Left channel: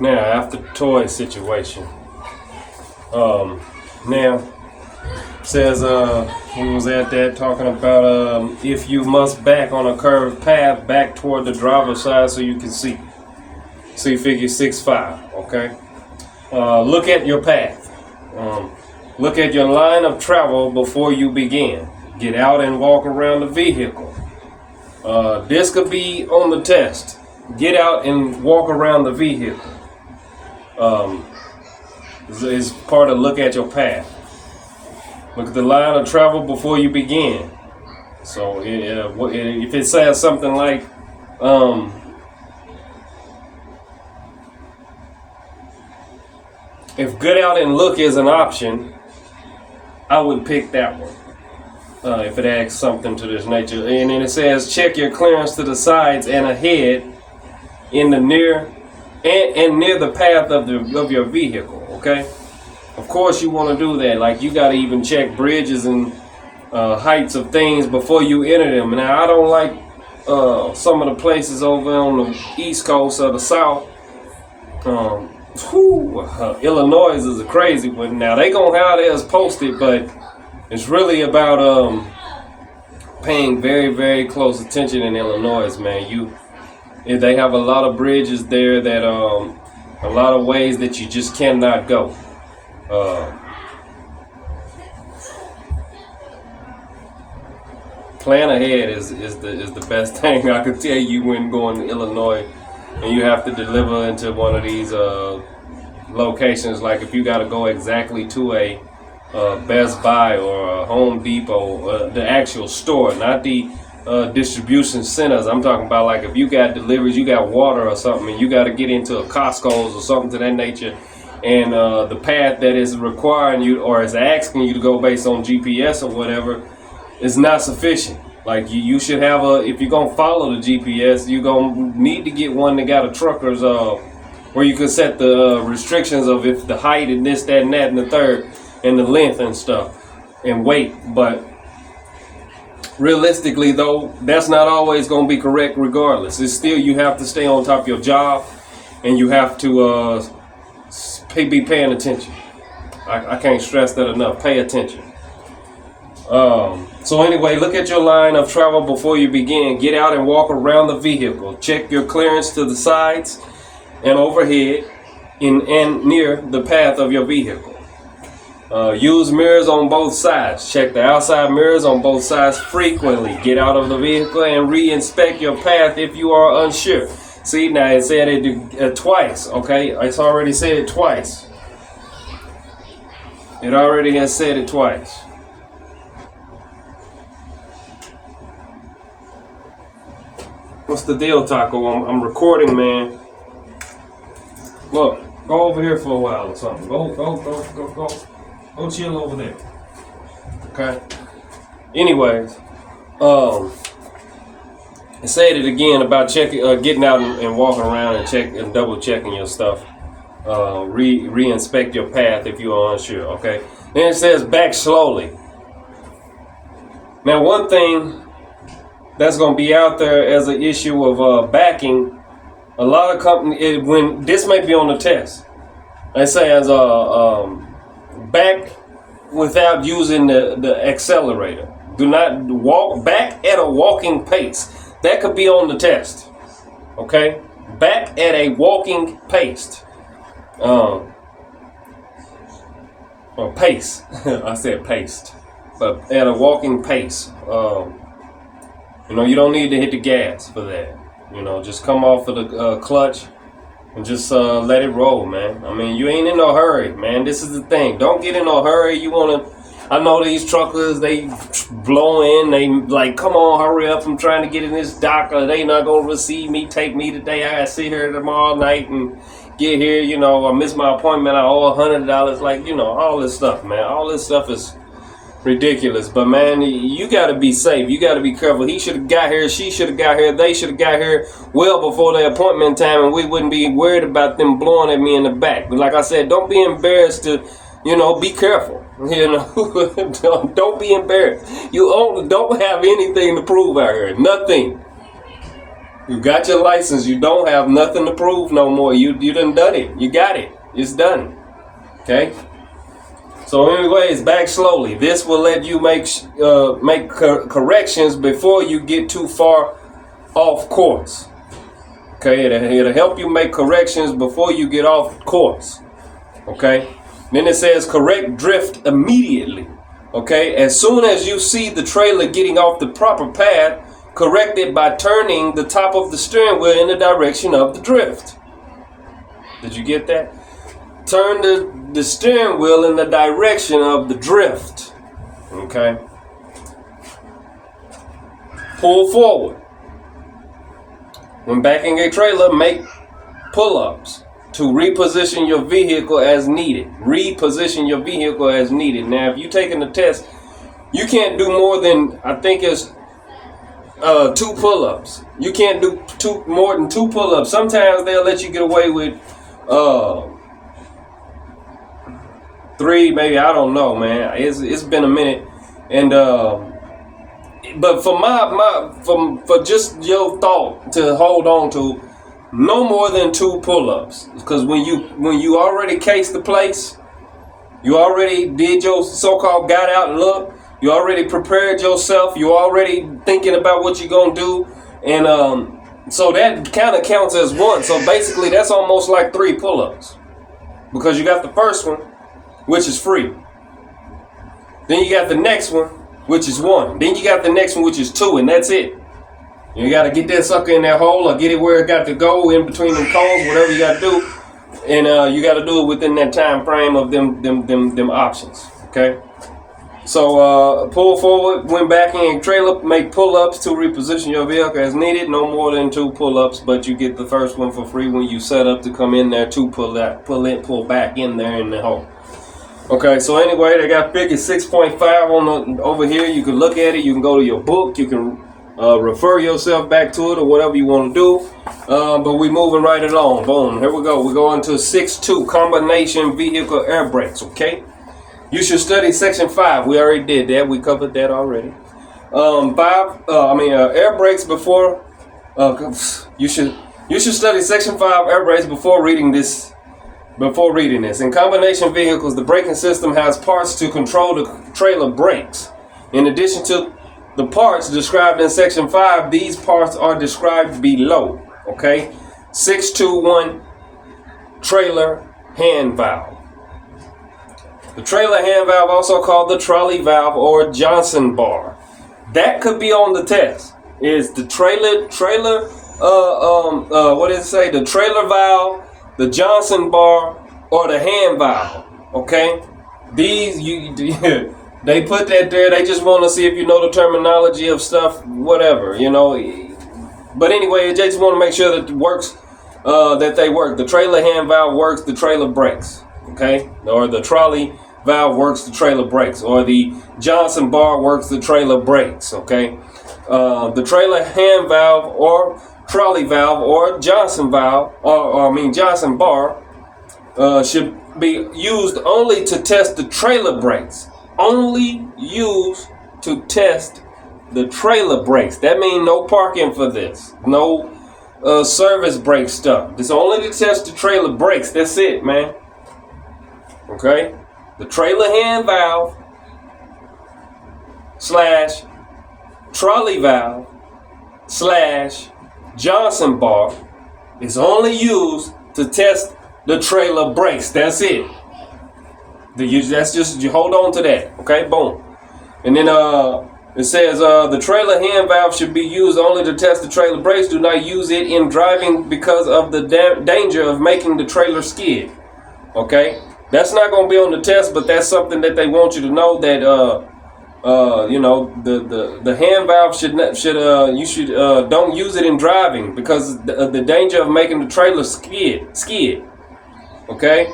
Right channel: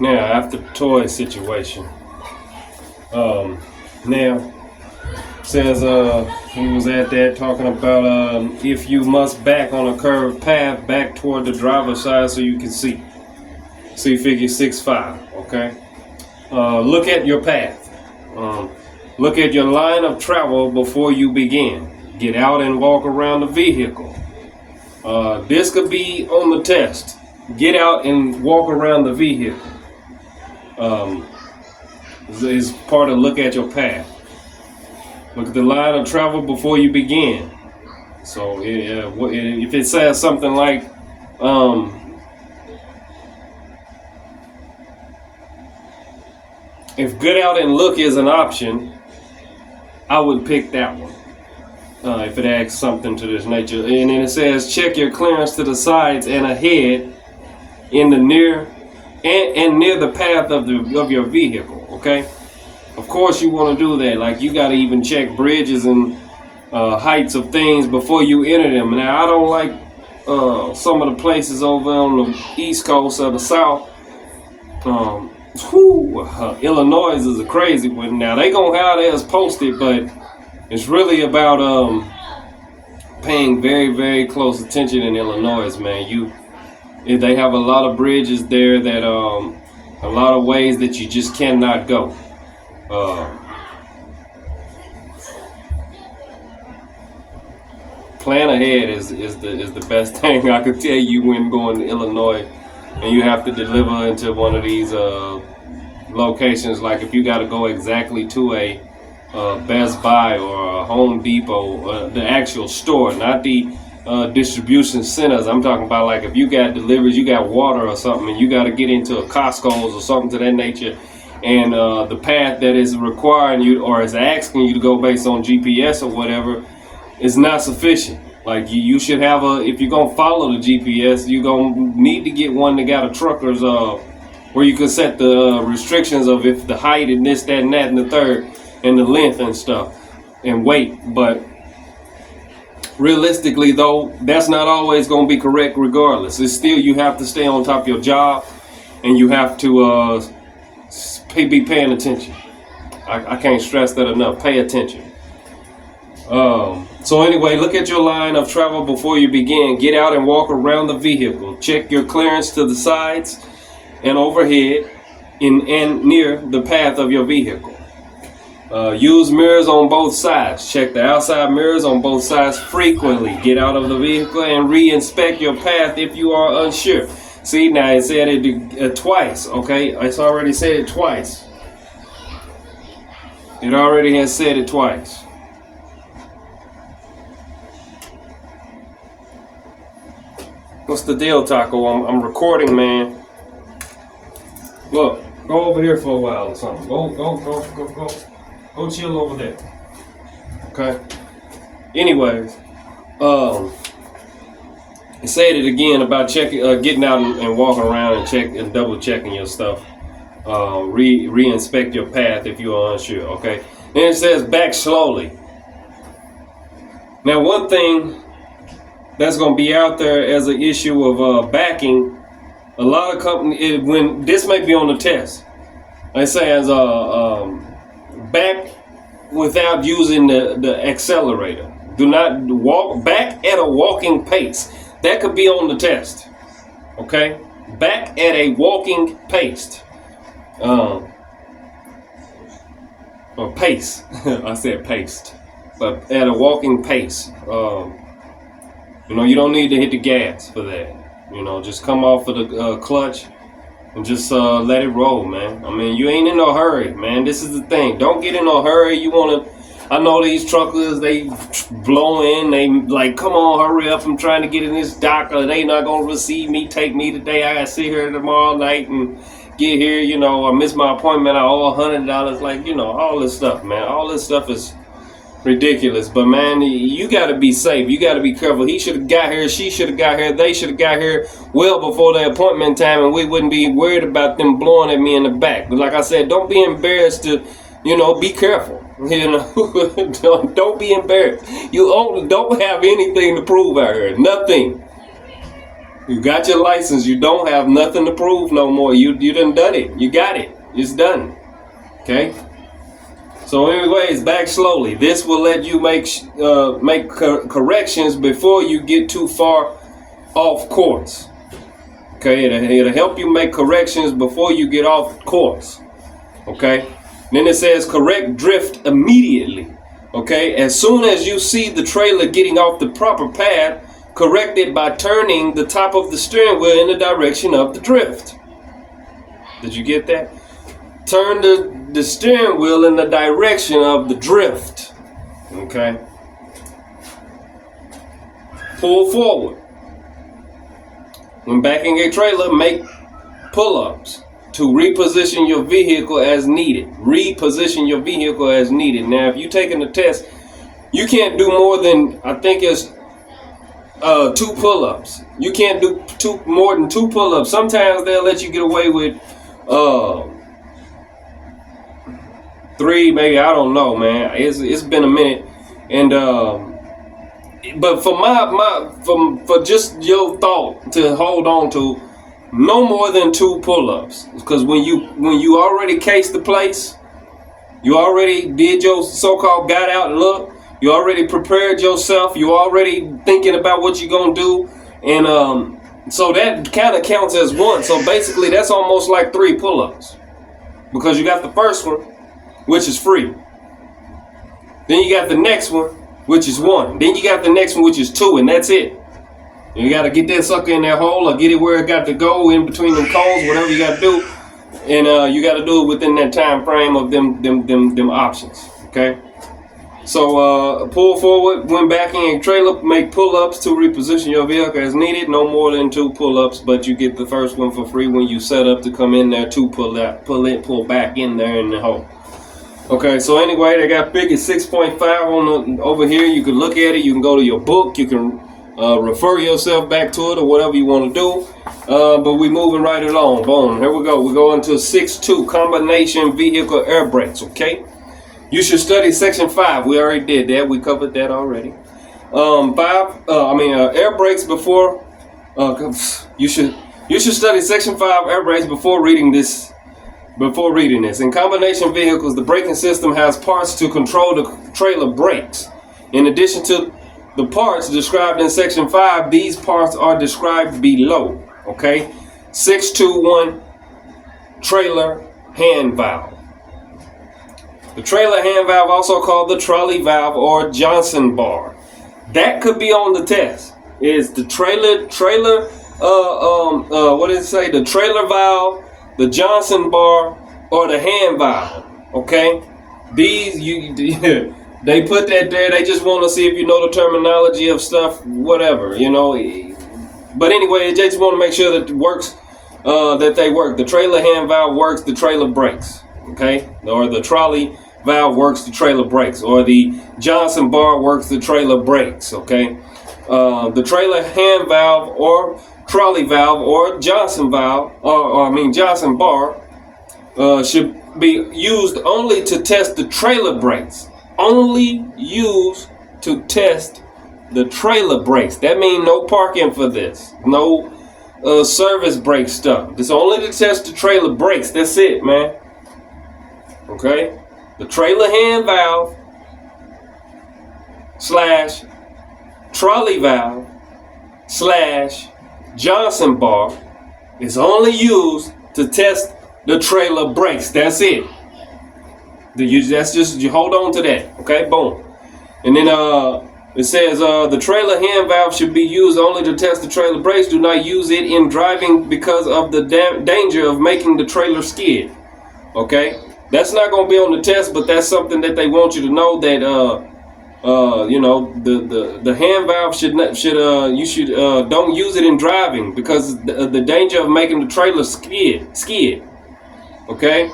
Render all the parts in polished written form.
Now, after the toy situation, now says we was at that talking about if you must back on a curved path back toward the driver's side so you can see. See figure 6.5. Okay. Look at your path. Look at your line of travel before you begin. Get out and walk around the vehicle. This could be on the test. Get out and walk around the vehicle. Is part of look at your path. Look at the line of travel before you begin. So if it says something like, if get out and look is an option, I would pick that one. If it asks something to this nature. And then it says check your clearance to the sides and ahead in the near and near the path of your vehicle. Okay, of course you want to do that. Like you got to even check bridges and heights of things before you enter them. Now I don't like some of the places over on the east coast or the south. Illinois is a crazy one. Now they gonna have theirs posted, but it's really about paying very, very close attention in Illinois, man. They have a lot of bridges there that a lot of ways that you just cannot go. Plan ahead is the best thing I could tell you when going to Illinois, and you have to deliver into one of these locations. Like if you got to go exactly to a Best Buy or a Home Depot, the actual store, not the distribution centers. I'm talking about like if you got deliveries, you got water or something, and you got to get into a Costco's or something to that nature, and the path that is requiring you or is asking you to go based on GPS or whatever is not sufficient. Like you should have if you're gonna follow the GPS, you're gonna need to get one that got a trucker's where you can set the restrictions of if the height and this, that, and that, and the third, and the length and stuff, and weight. But realistically, though, that's not always going to be correct regardless. It's still, you have to stay on top of your job, and you have to be paying attention. I can't stress that enough. Pay attention. So anyway, look at your line of travel before you begin. Get out and walk around the vehicle. Check your clearance to the sides and overhead and near the path of your vehicle. Use mirrors on both sides. Check the outside mirrors on both sides frequently. Get out of the vehicle and re-inspect your path if you are unsure. See, now it said it twice, okay? It's already said it twice. It already has said it twice. What's the deal, Taco? I'm recording, man. Look, go over here for a while or something. Go. Go chill over there. Okay. Anyways, it said it again about checking, getting out and walking around and double checking your stuff. Re-inspect your path if you are unsure. Okay. Then it says back slowly. Now, one thing that's going to be out there as an issue of backing, a lot of companies, when this may be on the test, they say as back without using the accelerator. Do not walk back at a walking pace. That could be on the test. Okay? Back at a walking pace. Or pace. I said paced. But at a walking pace. You don't need to hit the gas for that. Just come off of the clutch and just let it roll, man. I mean, you ain't in no hurry, man. This is the thing. Don't get in no hurry. I know these truckers, they blow in. They like, come on, hurry up. I'm trying to get in this dock, or they not going to receive me, take me today. I got to sit here tomorrow night and get here. I missed my appointment. I owe $100. Like, all this stuff, man. All this stuff is ridiculous. But man, you got to be safe. You got to be careful. He should have got here. She should have got here. They should have got here well before their appointment time, and we wouldn't be worried about them blowing at me in the back. But like I said, don't be embarrassed to, be careful. Don't be embarrassed. You don't have anything to prove out here. Nothing. You got your license. You don't have nothing to prove no more. You done it. You got it. It's done. Okay. So anyways, back slowly. This will let you make corrections before you get too far off course. Okay, it'll help you make corrections before you get off course. Okay. Then it says correct drift immediately. Okay, as soon as you see the trailer getting off the proper path, correct it by turning the top of the steering wheel in the direction of the drift. Did you get that? Turn the steering wheel in the direction of the drift. Okay. Pull forward. When backing a trailer, make pull-ups to reposition your vehicle as needed. Reposition your vehicle as needed. Now, if you're taking the test, you can't do more than, I think it's 2 pull-ups. You can't do more than 2 pull-ups. Sometimes they'll let you get away with 3, maybe. I don't know, man. It's been a minute, and but for just your thought to hold on to, no more than 2 pull-ups, because when you already cased the place, you already did your so-called got out look, you already prepared yourself, you already thinking about what you're gonna do, and so that kind of counts as 1. So basically, that's almost like 3 pull-ups, because you got the first one, which is free. Then you got the next one, which is 1. Then you got the next one, which is 2, and that's it. You got to get that sucker in that hole, or get it where it got to go, in between them cones, whatever you got to do, and you got to do it within that time frame of them options. Okay. So pull forward when backing a trailer, make pull-ups to reposition your vehicle as needed. No more than 2 pull-ups, but you get the first one for free when you set up to come in there to pull back in there in the hole. Okay, so anyway, they got big at 6.5 on the over here. You can look at it. You can go to your book. You can refer yourself back to it or whatever you want to do. But we moving right along. Boom. Here we go. We're going to 6.2 combination vehicle air brakes. Okay. You should study section 5. We already did that. We covered that already. Air brakes before. You should study section 5 air brakes before reading this. In combination vehicles, the braking system has parts to control the trailer brakes. In addition to the parts described in section 5, these parts are described below. Okay? 6.2.1 trailer hand valve. The trailer hand valve, also called the trolley valve or Johnson bar. That could be on the test. Is the what did it say? The trailer valve, the Johnson bar, or the hand valve. Okay? These they put that there. They just want to see if you know the terminology of stuff, whatever, you know. But anyway, they just want to make sure that it works, that they work. The trailer hand valve works, the trailer brakes. Okay? Or the trolley valve works, the trailer brakes. Or the Johnson bar works, the trailer brakes. Okay? The trailer hand valve or trolley valve or Johnson valve, Johnson bar, should be used only to test the trailer brakes. Only used to test the trailer brakes. That means no parking for this. No service brake stuff. It's only to test the trailer brakes. That's it, man. Okay? The trailer hand valve / trolley valve / Johnson bar is only used to test the trailer brakes. That's it. That's just, you hold on to that. Okay, boom. And then it says the trailer hand valve should be used only to test the trailer brakes. Do not use it in driving because of the danger of making the trailer skid. Okay, that's not going to be on the test, but that's something that they want you to know, that the hand valve should don't use it in driving because the danger of making the trailer skid. Okay.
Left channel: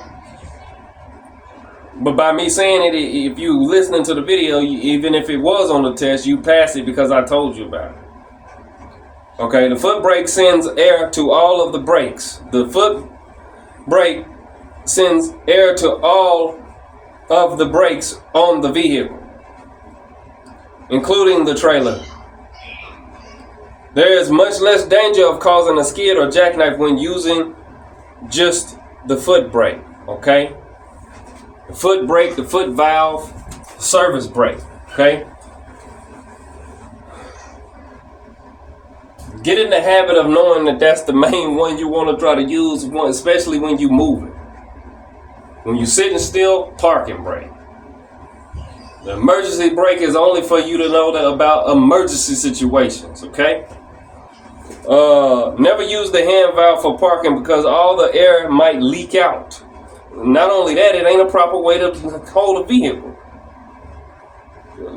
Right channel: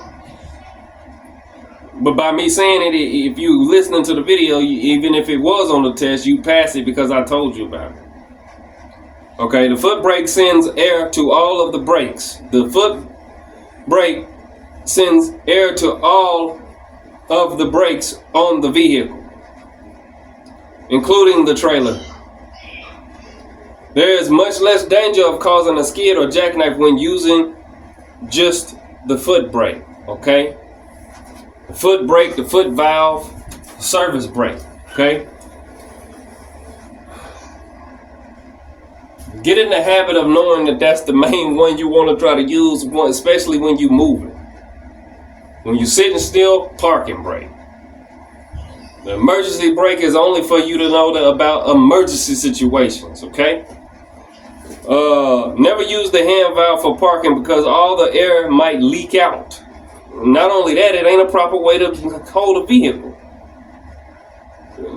But by me saying it, if you listening to the video, even if it was on the test, you pass it because I told you about it. Okay, the foot brake sends air to all of the brakes. The foot brake sends air to all of the brakes on the vehicle, including the trailer. There is much less danger of causing a skid or jackknife when using just the foot brake, okay? The foot brake, the foot valve, service brake, okay? Get in the habit of knowing that that's the main one you want to try to use, especially when you're moving. When you're sitting still, parking brake. The emergency brake is only for you to know about emergency situations, okay? Never use the hand valve for parking because all the air might leak out. Not only that, it ain't a proper way to hold a vehicle.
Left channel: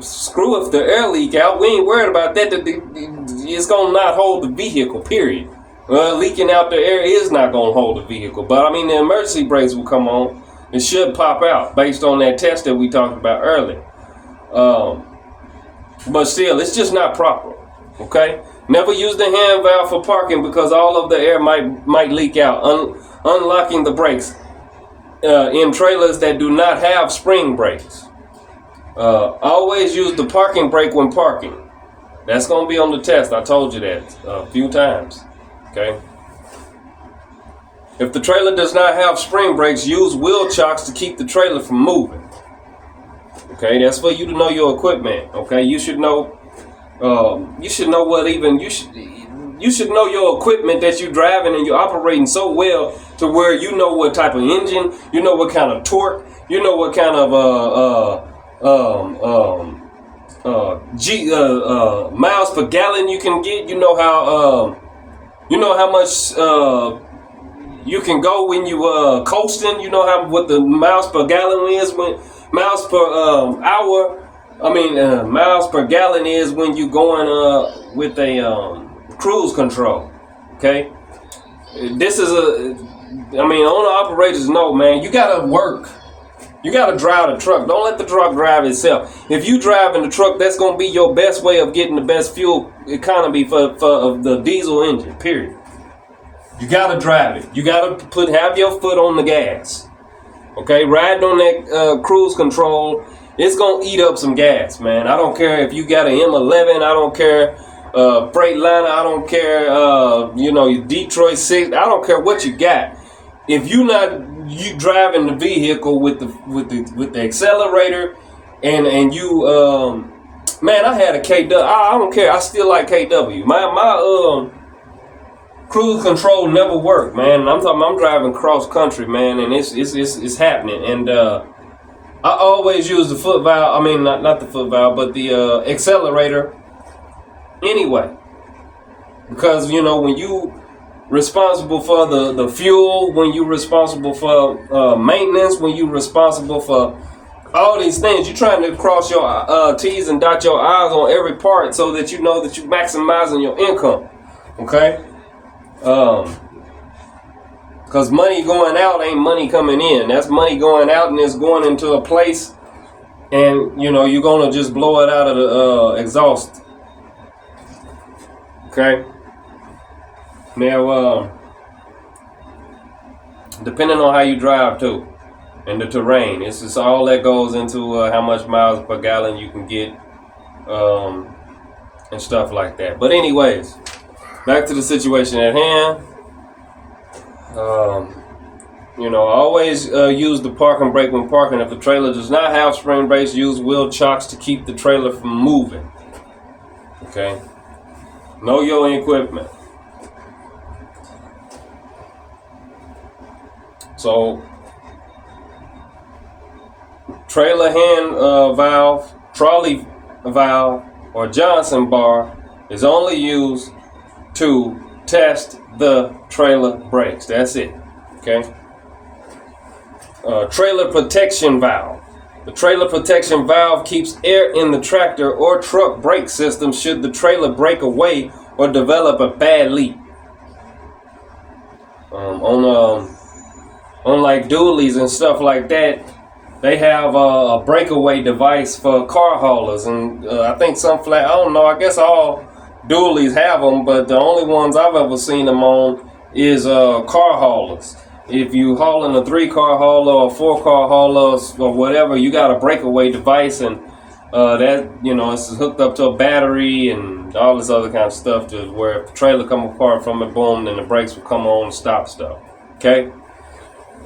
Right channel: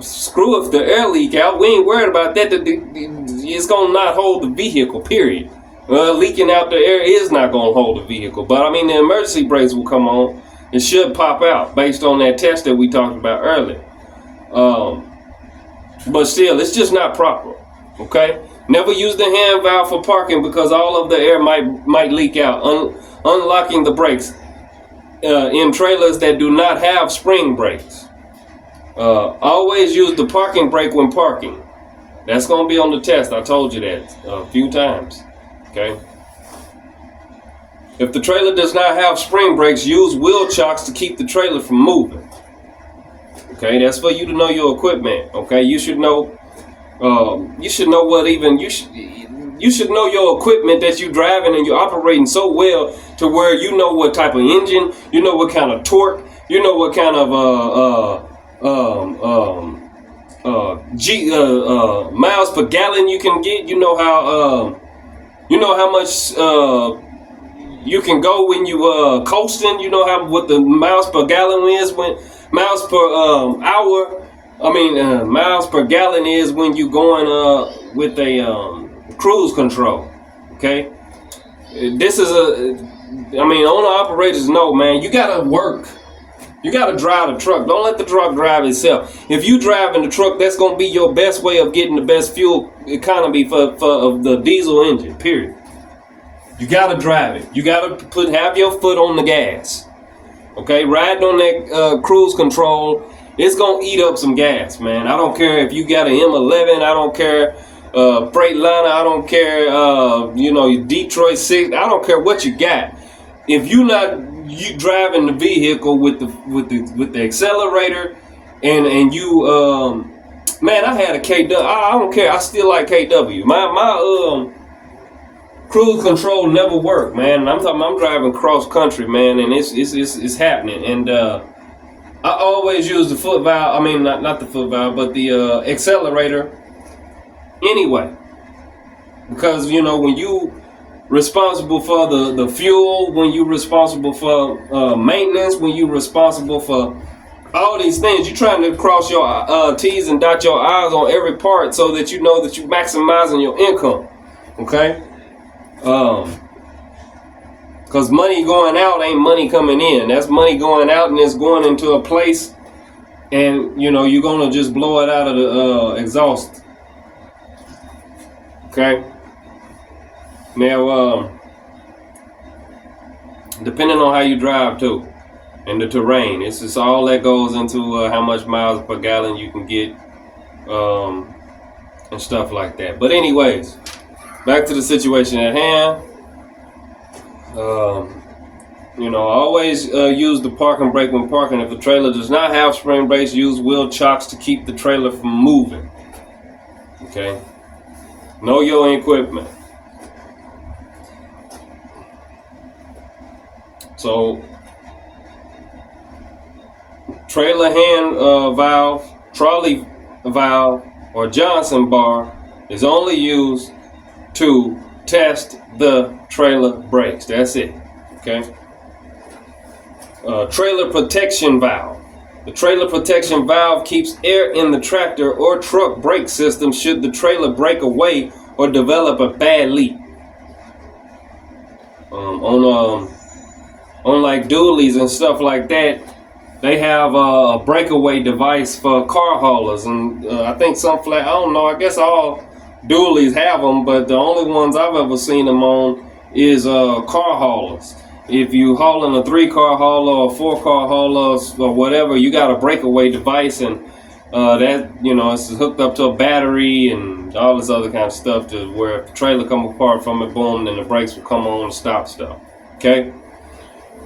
Screw if the air leak out, we ain't worried about that. It's gonna not hold the vehicle, period. Leaking out the air is not gonna hold the vehicle. But I mean, the emergency brakes will come on. It should pop out based on that test that we talked about earlier. But still, it's just not proper, okay? Never use the hand valve for parking because all of the air might leak out. Unlocking the brakes in trailers that do not have spring brakes. Always use the parking brake when parking. That's going to be on the test. I told you that a few times, okay? If the trailer does not have spring brakes, use wheel chocks to keep the trailer from moving. Okay, that's for you to know your equipment. Okay, you should know. You should know your equipment that you're driving and you're operating so well to where you know what type of engine, you know what kind of torque, you know what kind of miles per gallon you can get. You know how much you can go when you coasting. You know what the miles per gallon is when miles per hour. Miles per gallon is when you going with a cruise control. Okay, this is owner operators know, man. You gotta work. You gotta drive the truck. Don't let the truck drive itself. If you driving the truck, that's gonna be your best way of getting the best fuel economy for the diesel engine. Period. You gotta drive it. You gotta have your foot on the gas. Okay, riding on that cruise control, it's gonna eat up some gas, man. I don't care if you got an M11. I don't care Freightliner. I don't care your Detroit 6. I don't care what you got. If you driving the vehicle with the accelerator and you man, I had a KW. I don't care. I still like KW. My cruise control never worked, man. I'm driving cross country, man, and it's happening. And I always use the foot valve. I mean, not the foot valve, but the accelerator. Anyway, because when you responsible for the fuel, when you responsible for maintenance, when you responsible for all these things, you're trying to cross your T's and dot your I's on every part so that you know that you're maximizing your income. Okay. Cause money going out ain't money coming in. That's money going out and it's going into a place, and you're gonna just blow it out of the exhaust. Okay. Now, depending on how you drive too, and the terrain, it's just all that goes into how much miles per gallon you can get, and stuff like that. But anyways, back to the situation at hand. Always use the parking brake when parking. If the trailer does not have spring brakes, use wheel chocks to keep the trailer from moving. Okay. Know your equipment. So, trailer hand valve, trolley valve, or Johnson bar is only used to test the trailer brakes. That's it. Okay. Trailer protection valve. The trailer protection valve keeps air in the tractor or truck brake system should the trailer break away or develop a bad leak. On like dualies and stuff like that, they have a breakaway device for car haulers, and I think I don't know, I guess all dualies have them, but the only ones I've ever seen them on is car haulers. If you hauling a 3-car hauler or 4-car hauler or whatever, you got a breakaway device, and That, you know, it's hooked up to a battery and all this other kind of stuff to where if the trailer come apart from it, boom, then the brakes will come on and stop stuff. Okay.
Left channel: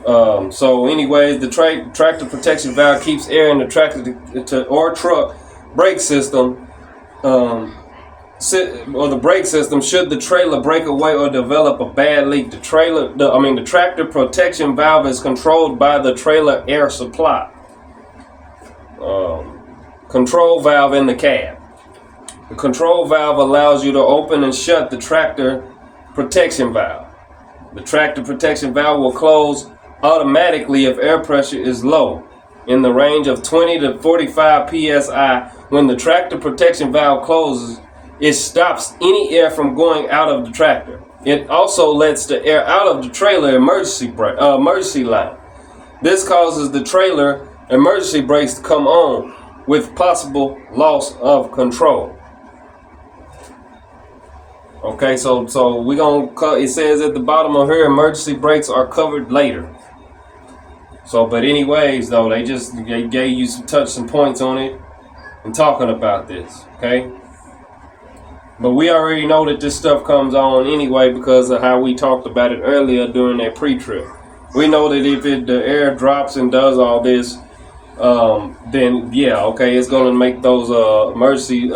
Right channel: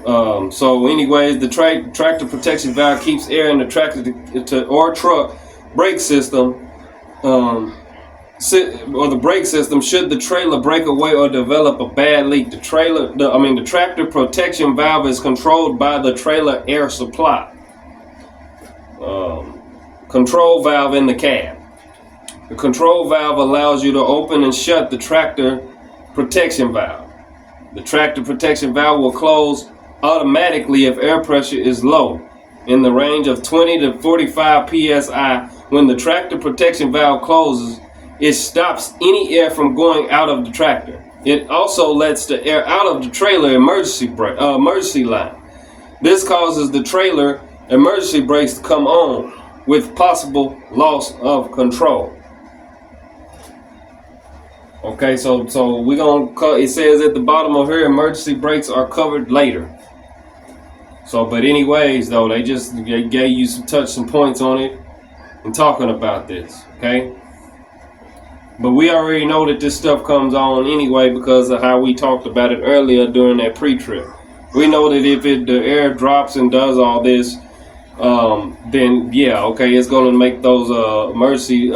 So anyways, the tractor protection valve keeps air in the tractor or truck brake system, or the brake system should the trailer break away or develop a bad leak. The tractor protection valve is controlled by the trailer air supply. Control valve in the cab. The control valve allows you to open and shut the tractor protection valve. The tractor protection valve will close automatically if air pressure is low, in the range of 20 to 45 psi. When the tractor protection valve closes, it stops any air from going out of the tractor. It also lets the air out of the trailer emergency line. This causes the trailer emergency brakes to come on with possible loss of control. Okay, so we're gonna cut. It says at the bottom of here, emergency brakes are covered later. So, but anyways, though, they gave you some points on it and talking about this. Okay, but we already know that this stuff comes on anyway because of how we talked about it earlier during that pre-trip. We know that if the air drops and does all this, then yeah, okay, it's gonna make those emergency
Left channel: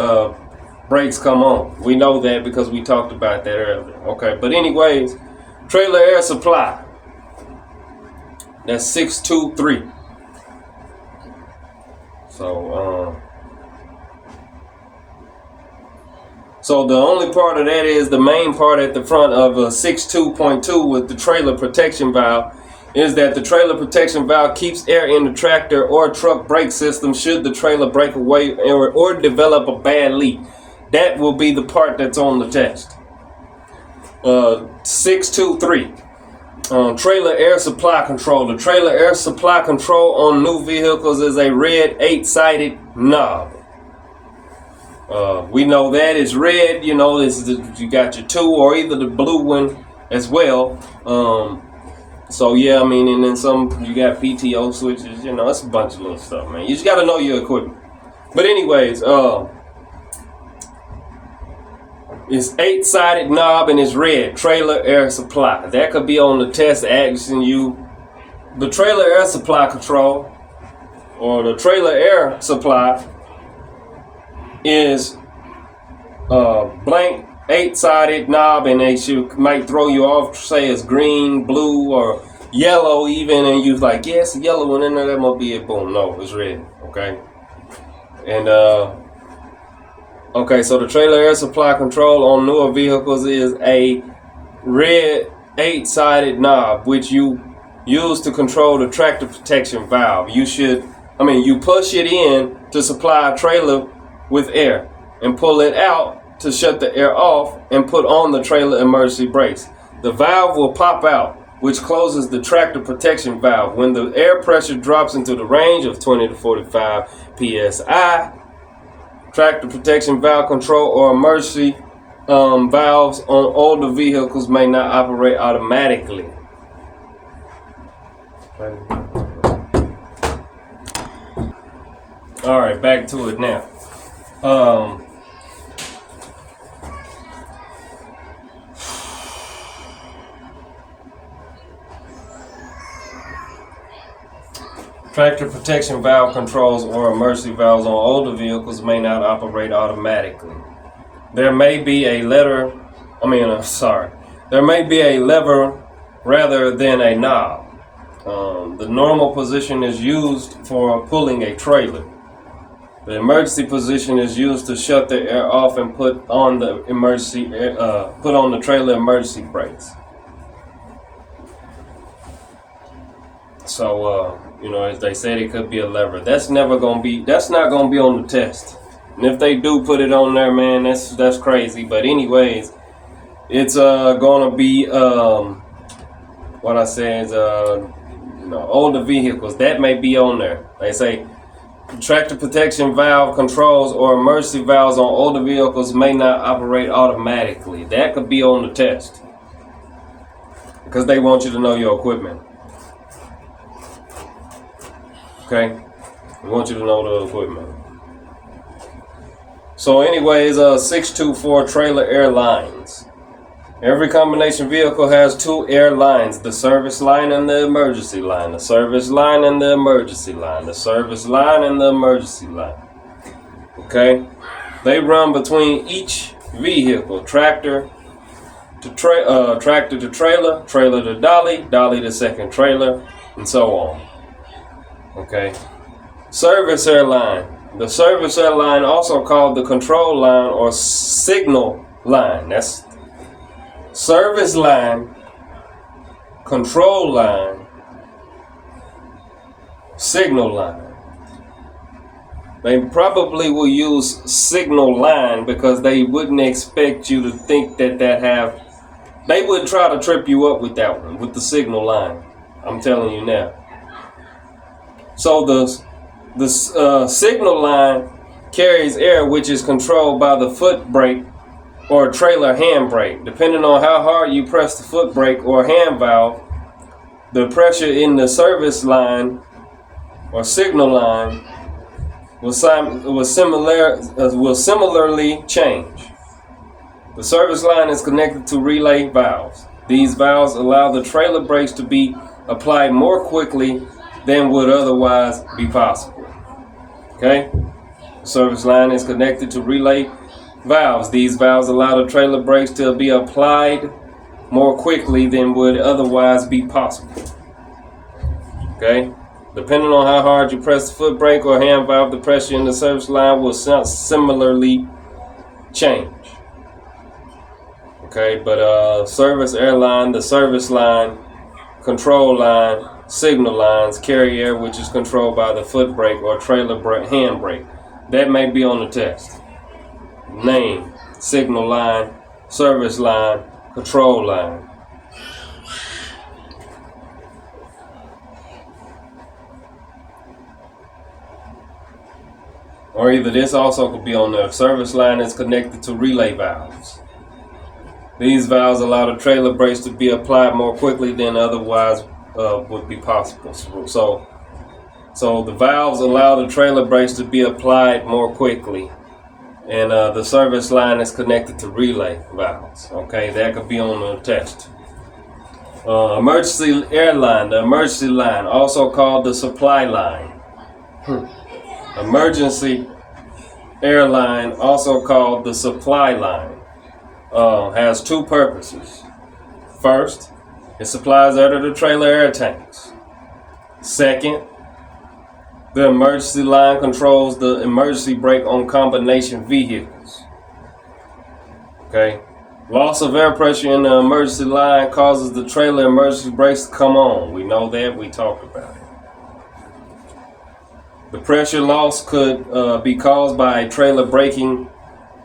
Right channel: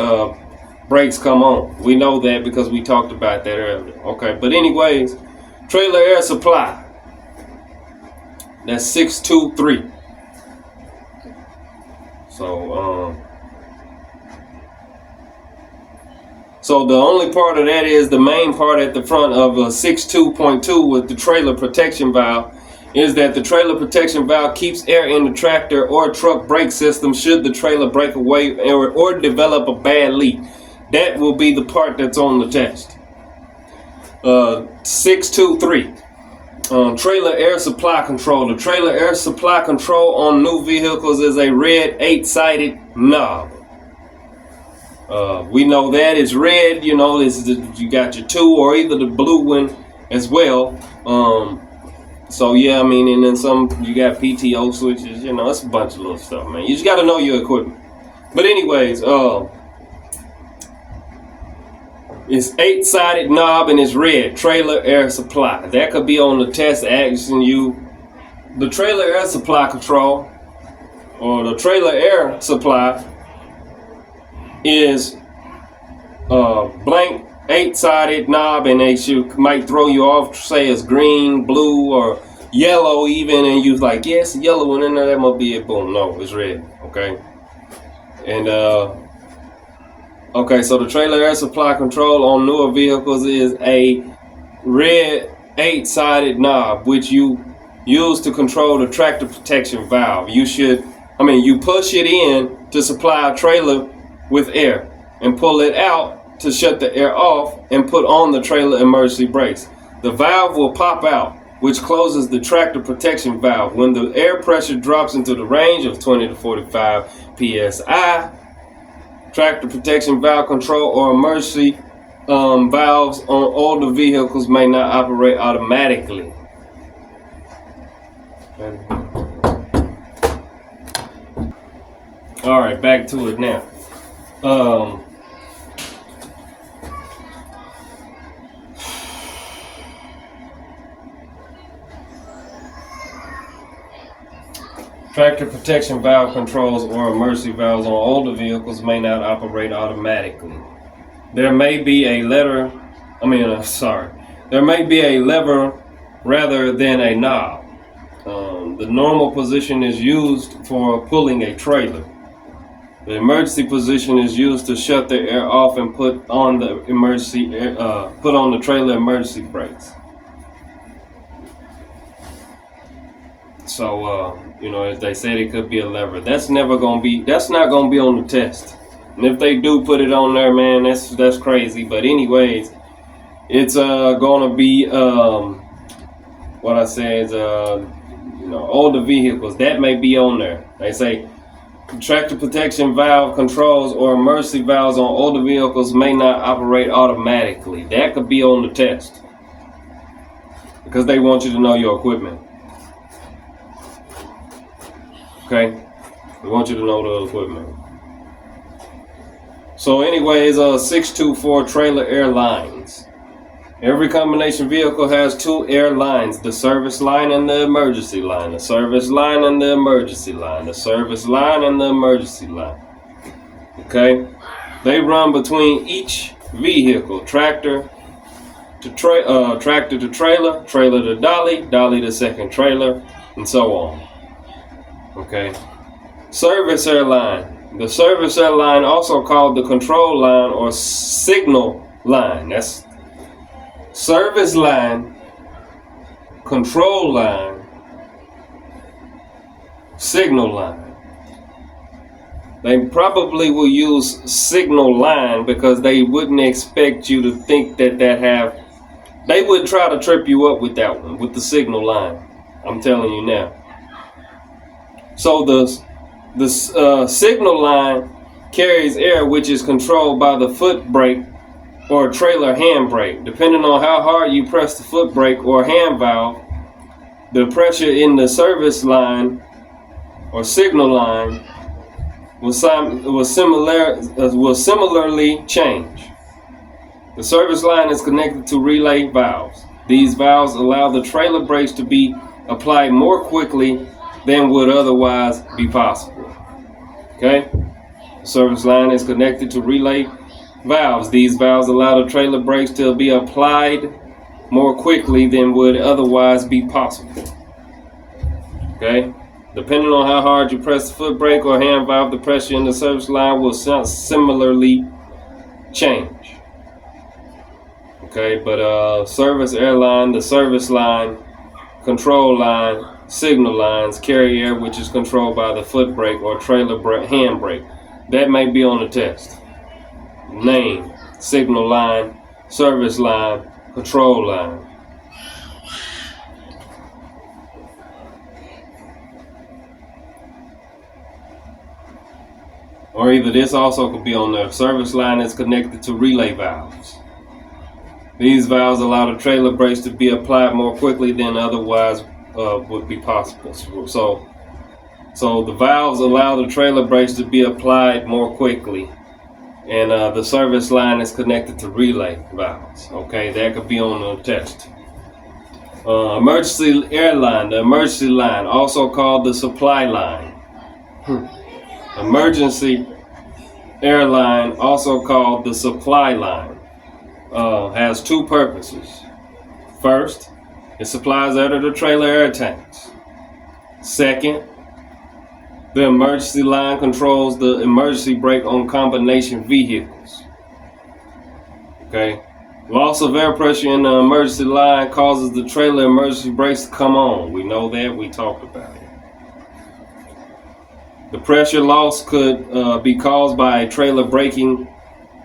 brakes come on. We know that because we talked about that earlier. Okay, but anyways, trailer air supply. That's 623. So the only part of that is the main part at the front of 62.2 with the trailer protection valve is that the trailer protection valve keeps air in the tractor or truck brake system should the trailer break away or develop a bad leak. That will be the part that's on the test. 623. Trailer air supply control. The trailer air supply control on new vehicles is a red 8-sided knob. We know that it's red. You know, you got your 2 or either the blue one as well. So yeah, I mean, and then some you got PTO switches. You know, it's a bunch of little stuff, man. You just got to know your equipment. But anyways, it's 8-sided knob and it's red. Trailer air supply. That could be on the test asking you. The trailer air supply control or the trailer air supply is blank 8-sided knob, and they might throw you off. Say it's green, blue, or yellow even, and you're like, yeah, it's a yellow one in there. That must be it. Boom. No, it's red. Okay. And okay, so the trailer air supply control on newer vehicles is a red 8-sided knob, which you use to control the tractor protection valve. You push it in to supply a trailer with air and pull it out to shut the air off and put on the trailer emergency brakes. The valve will pop out, which closes the tractor protection valve. When the air pressure drops into the range of 20 to 45 psi, tractor protection valve control or emergency valves on older vehicles may not operate automatically. All right, back to it now. Tractor protection valve controls or emergency valves on older vehicles may not operate automatically. There may be a lever rather than a knob. The normal position is used for pulling a trailer. The emergency position is used to shut the air off and put on the trailer emergency brakes. So, as they said, it could be a lever. That's not gonna be on the test. And if they do put it on there, man, that's crazy. But anyways, it's gonna be what I say is older vehicles that may be on there. They say tractor protection valve controls or emergency valves on older vehicles may not operate automatically. That could be on the test because they want you to know your equipment. Okay, they want you to know the equipment. So anyways, 624 Trailer Airlines. Every combination vehicle has two air lines, the service line and the emergency line. The service line and the emergency line. The service line and the emergency line. Okay? They run between each vehicle, tractor to trailer, trailer to dolly, dolly to second trailer, and so on. Okay? Service airline. The service airline, also called the control line or signal line. That's service line, control line, signal line. They probably will use signal line because they wouldn't expect you to think that they would try to trip you up with that one, with the signal line. I'm telling you now. So the signal line carries air which is controlled by the foot brake or trailer hand brake. Depending on how hard you press the foot brake or hand valve, the pressure in the service line or signal line will similarly change. The service line is connected to relay valves. These valves allow the trailer brakes to be applied more quickly than would otherwise be possible. Okay? The service line is connected to relay valves. These valves allow the trailer brakes to be applied more quickly than would otherwise be possible. Okay? Depending on how hard you press the foot brake or hand valve, the pressure in the service line will similarly change. Okay, but service airline, the service line, control line, signal lines carry air which is controlled by the foot brake or trailer hand brake. That may be on the test. Name, signal line, service line, control line. Or either this also could be on the service line is connected to relay valves. These valves allow the trailer brakes to be applied more quickly than otherwise would be possible. So the valves allow the trailer brakes to be applied more quickly, and the service line is connected to relay valves. Okay, that could be on the test. Emergency airline, the emergency line, also called the supply line. Emergency airline, also called the supply line, has two purposes. First, it supplies air to the trailer air tanks. Second, the emergency line controls the emergency brake on combination vehicles. Okay, loss of air pressure in the emergency line causes the trailer emergency brakes to come on. We know that, we talked about it. The pressure loss could be caused by a trailer breaking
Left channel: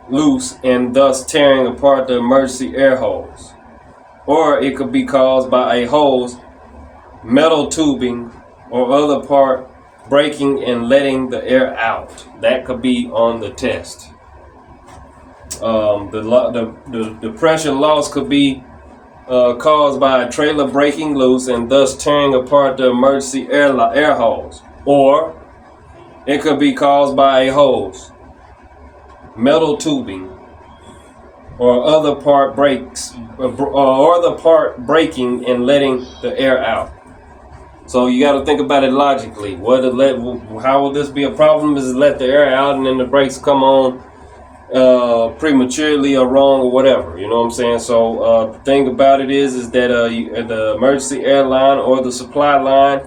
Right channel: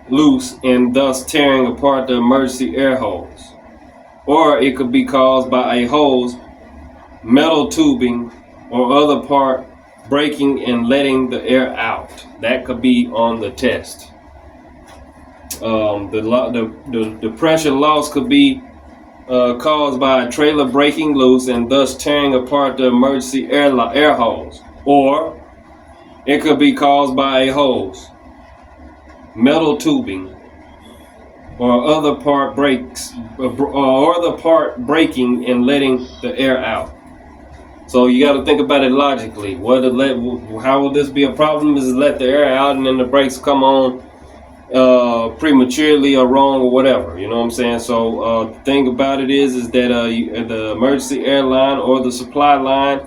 loose and thus tearing apart the emergency air hose. Or it could be caused by a hose, metal tubing, or other part breaking and letting the air out. That could be on the test. The pressure loss could be caused by a trailer breaking loose and thus tearing apart the emergency air hose. Or it could be caused by a hose, metal tubing, or other part breaks, or the part breaking and letting the air out. So you got to think about it logically. How will this be a problem? Is let the air out and then the brakes come on prematurely or wrong or whatever. You know what I'm saying? So the thing about it is that the emergency airline or the supply line,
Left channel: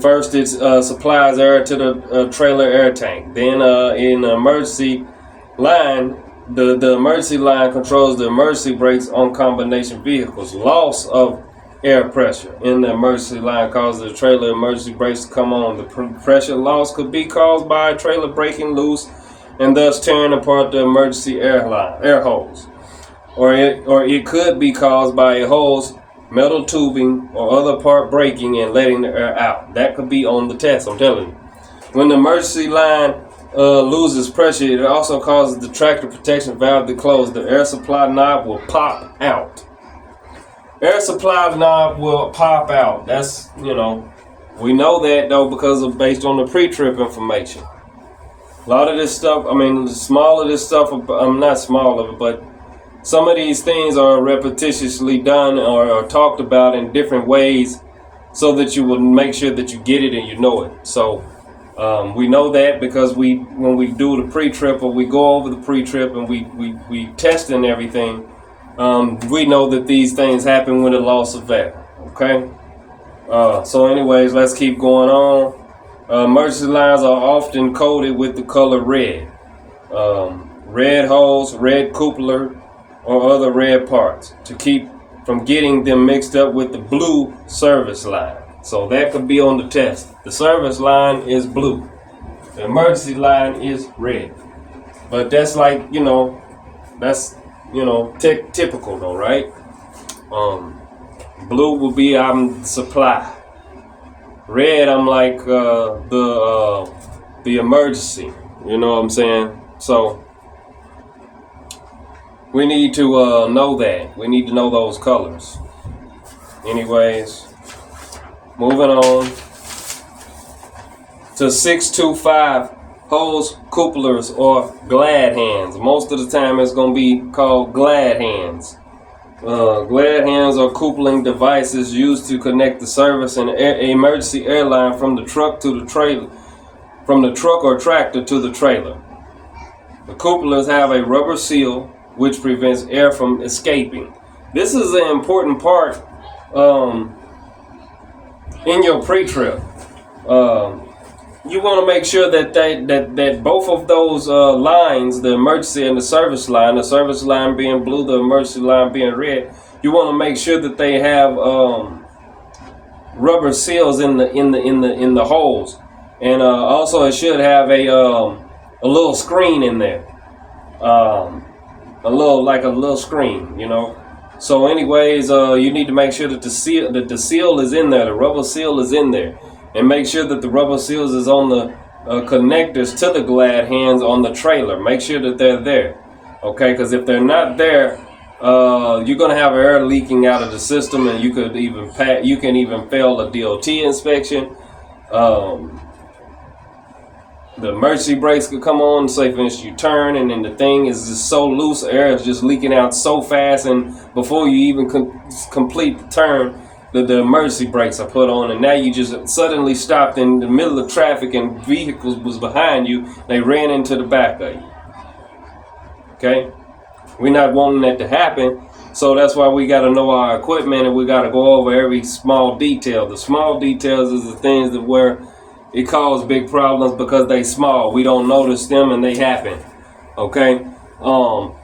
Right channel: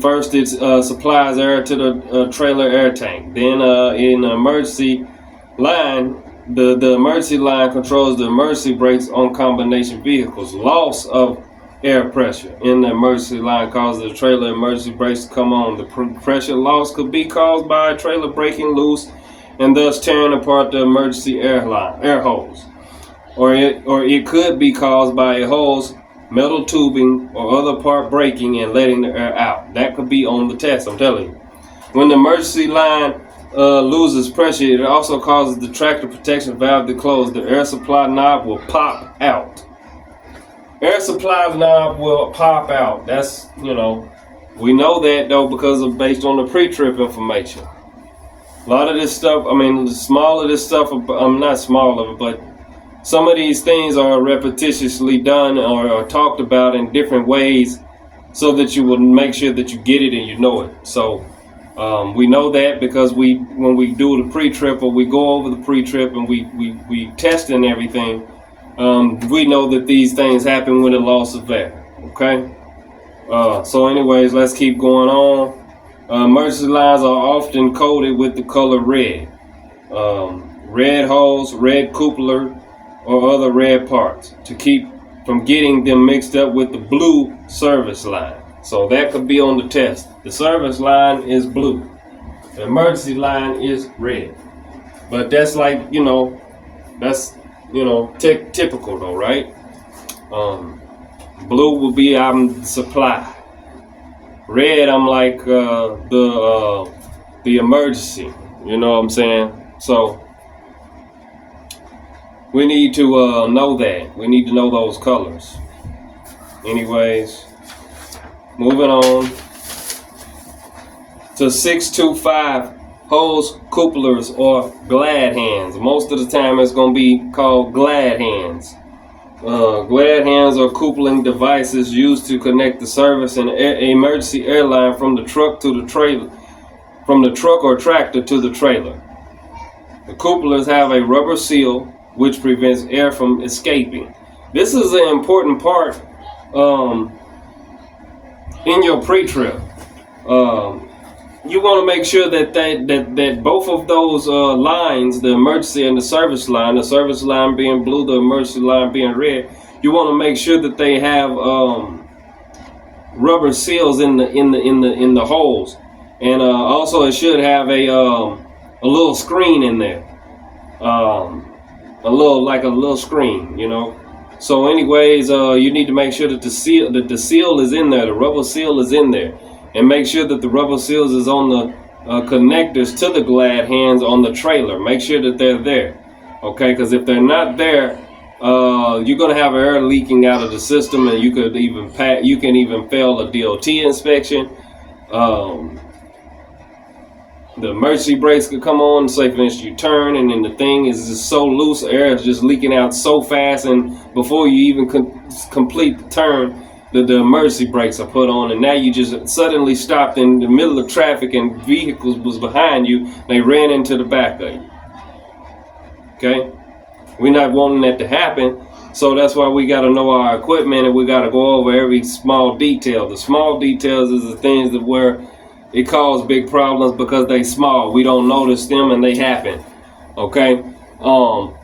first it supplies air to the trailer air tank. Then in the emergency line, the emergency line controls the emergency brakes on combination vehicles. Loss of air pressure in the emergency line causes the trailer emergency brakes to come on. The pressure loss could be caused by a trailer breaking loose and thus tearing apart the emergency air hose. Or it could be caused by a hose, metal tubing, or other part breaking and letting the air out. That could be on the test, I'm telling you. When the emergency line loses pressure, it also causes the tractor protection valve to close. The air supply knob will pop out. Air supply knob will pop out. That's, we know that though because of based on the pre-trip information. A lot of this stuff, I mean, small of this stuff, I'm not small of it, but some of these things are repetitiously done or talked about in different ways so that you will make sure that you get it and you know it. So we know that because when we do the pre-trip or we go over the pre-trip and we test and everything, we know that these things happen with a loss of air. Okay? So anyways, let's keep going on. Emergency lines are often coated with the color red. Red hose, red cupola, or other red parts to keep from getting them mixed up with the blue service line. So that could be on the test. The service line is blue. The emergency line is red. But that's like, that's, typical though, right? Blue will be I'm supply. Red, I'm like the emergency. You know what I'm saying? So we need to know that. We need to know those colors. Anyways, moving on to 625 hose couplers or glad hands. Most of the time it's going to be called glad hands. Glad hands are coupling devices used to connect the service and emergency airline from the truck to the trailer, from the truck or tractor to the trailer. The couplers have a rubber seal which prevents air from escaping. This is an important part in your pre-trip. You want to make sure that both of those lines, the emergency and the service line being blue, the emergency line being red, you want to make sure that they have rubber seals in the holes, and also it should have a little screen in there, a little screen, So anyways, you need to make sure that the seal is in there, the rubber seal is in there. And make sure that the rubber seals is on the connectors to the glad hands on the trailer. Make sure that they're there, okay? Because if they're not there, you're gonna have air leaking out of the system, and you can even fail a DOT inspection. The emergency brakes could come on. Say for instance you turn, and then the thing is just so loose, air is just leaking out so fast, and before you even complete the turn, the emergency brakes are put on, and now you just suddenly stopped in the middle of traffic and vehicles was behind you. They ran into the back of you. Okay? We're not wanting that to happen, so that's why we got to know our equipment, and we got to go over every small detail. The small details is the things that where it cause big problems because they small. We don't notice them and they happen. Okay?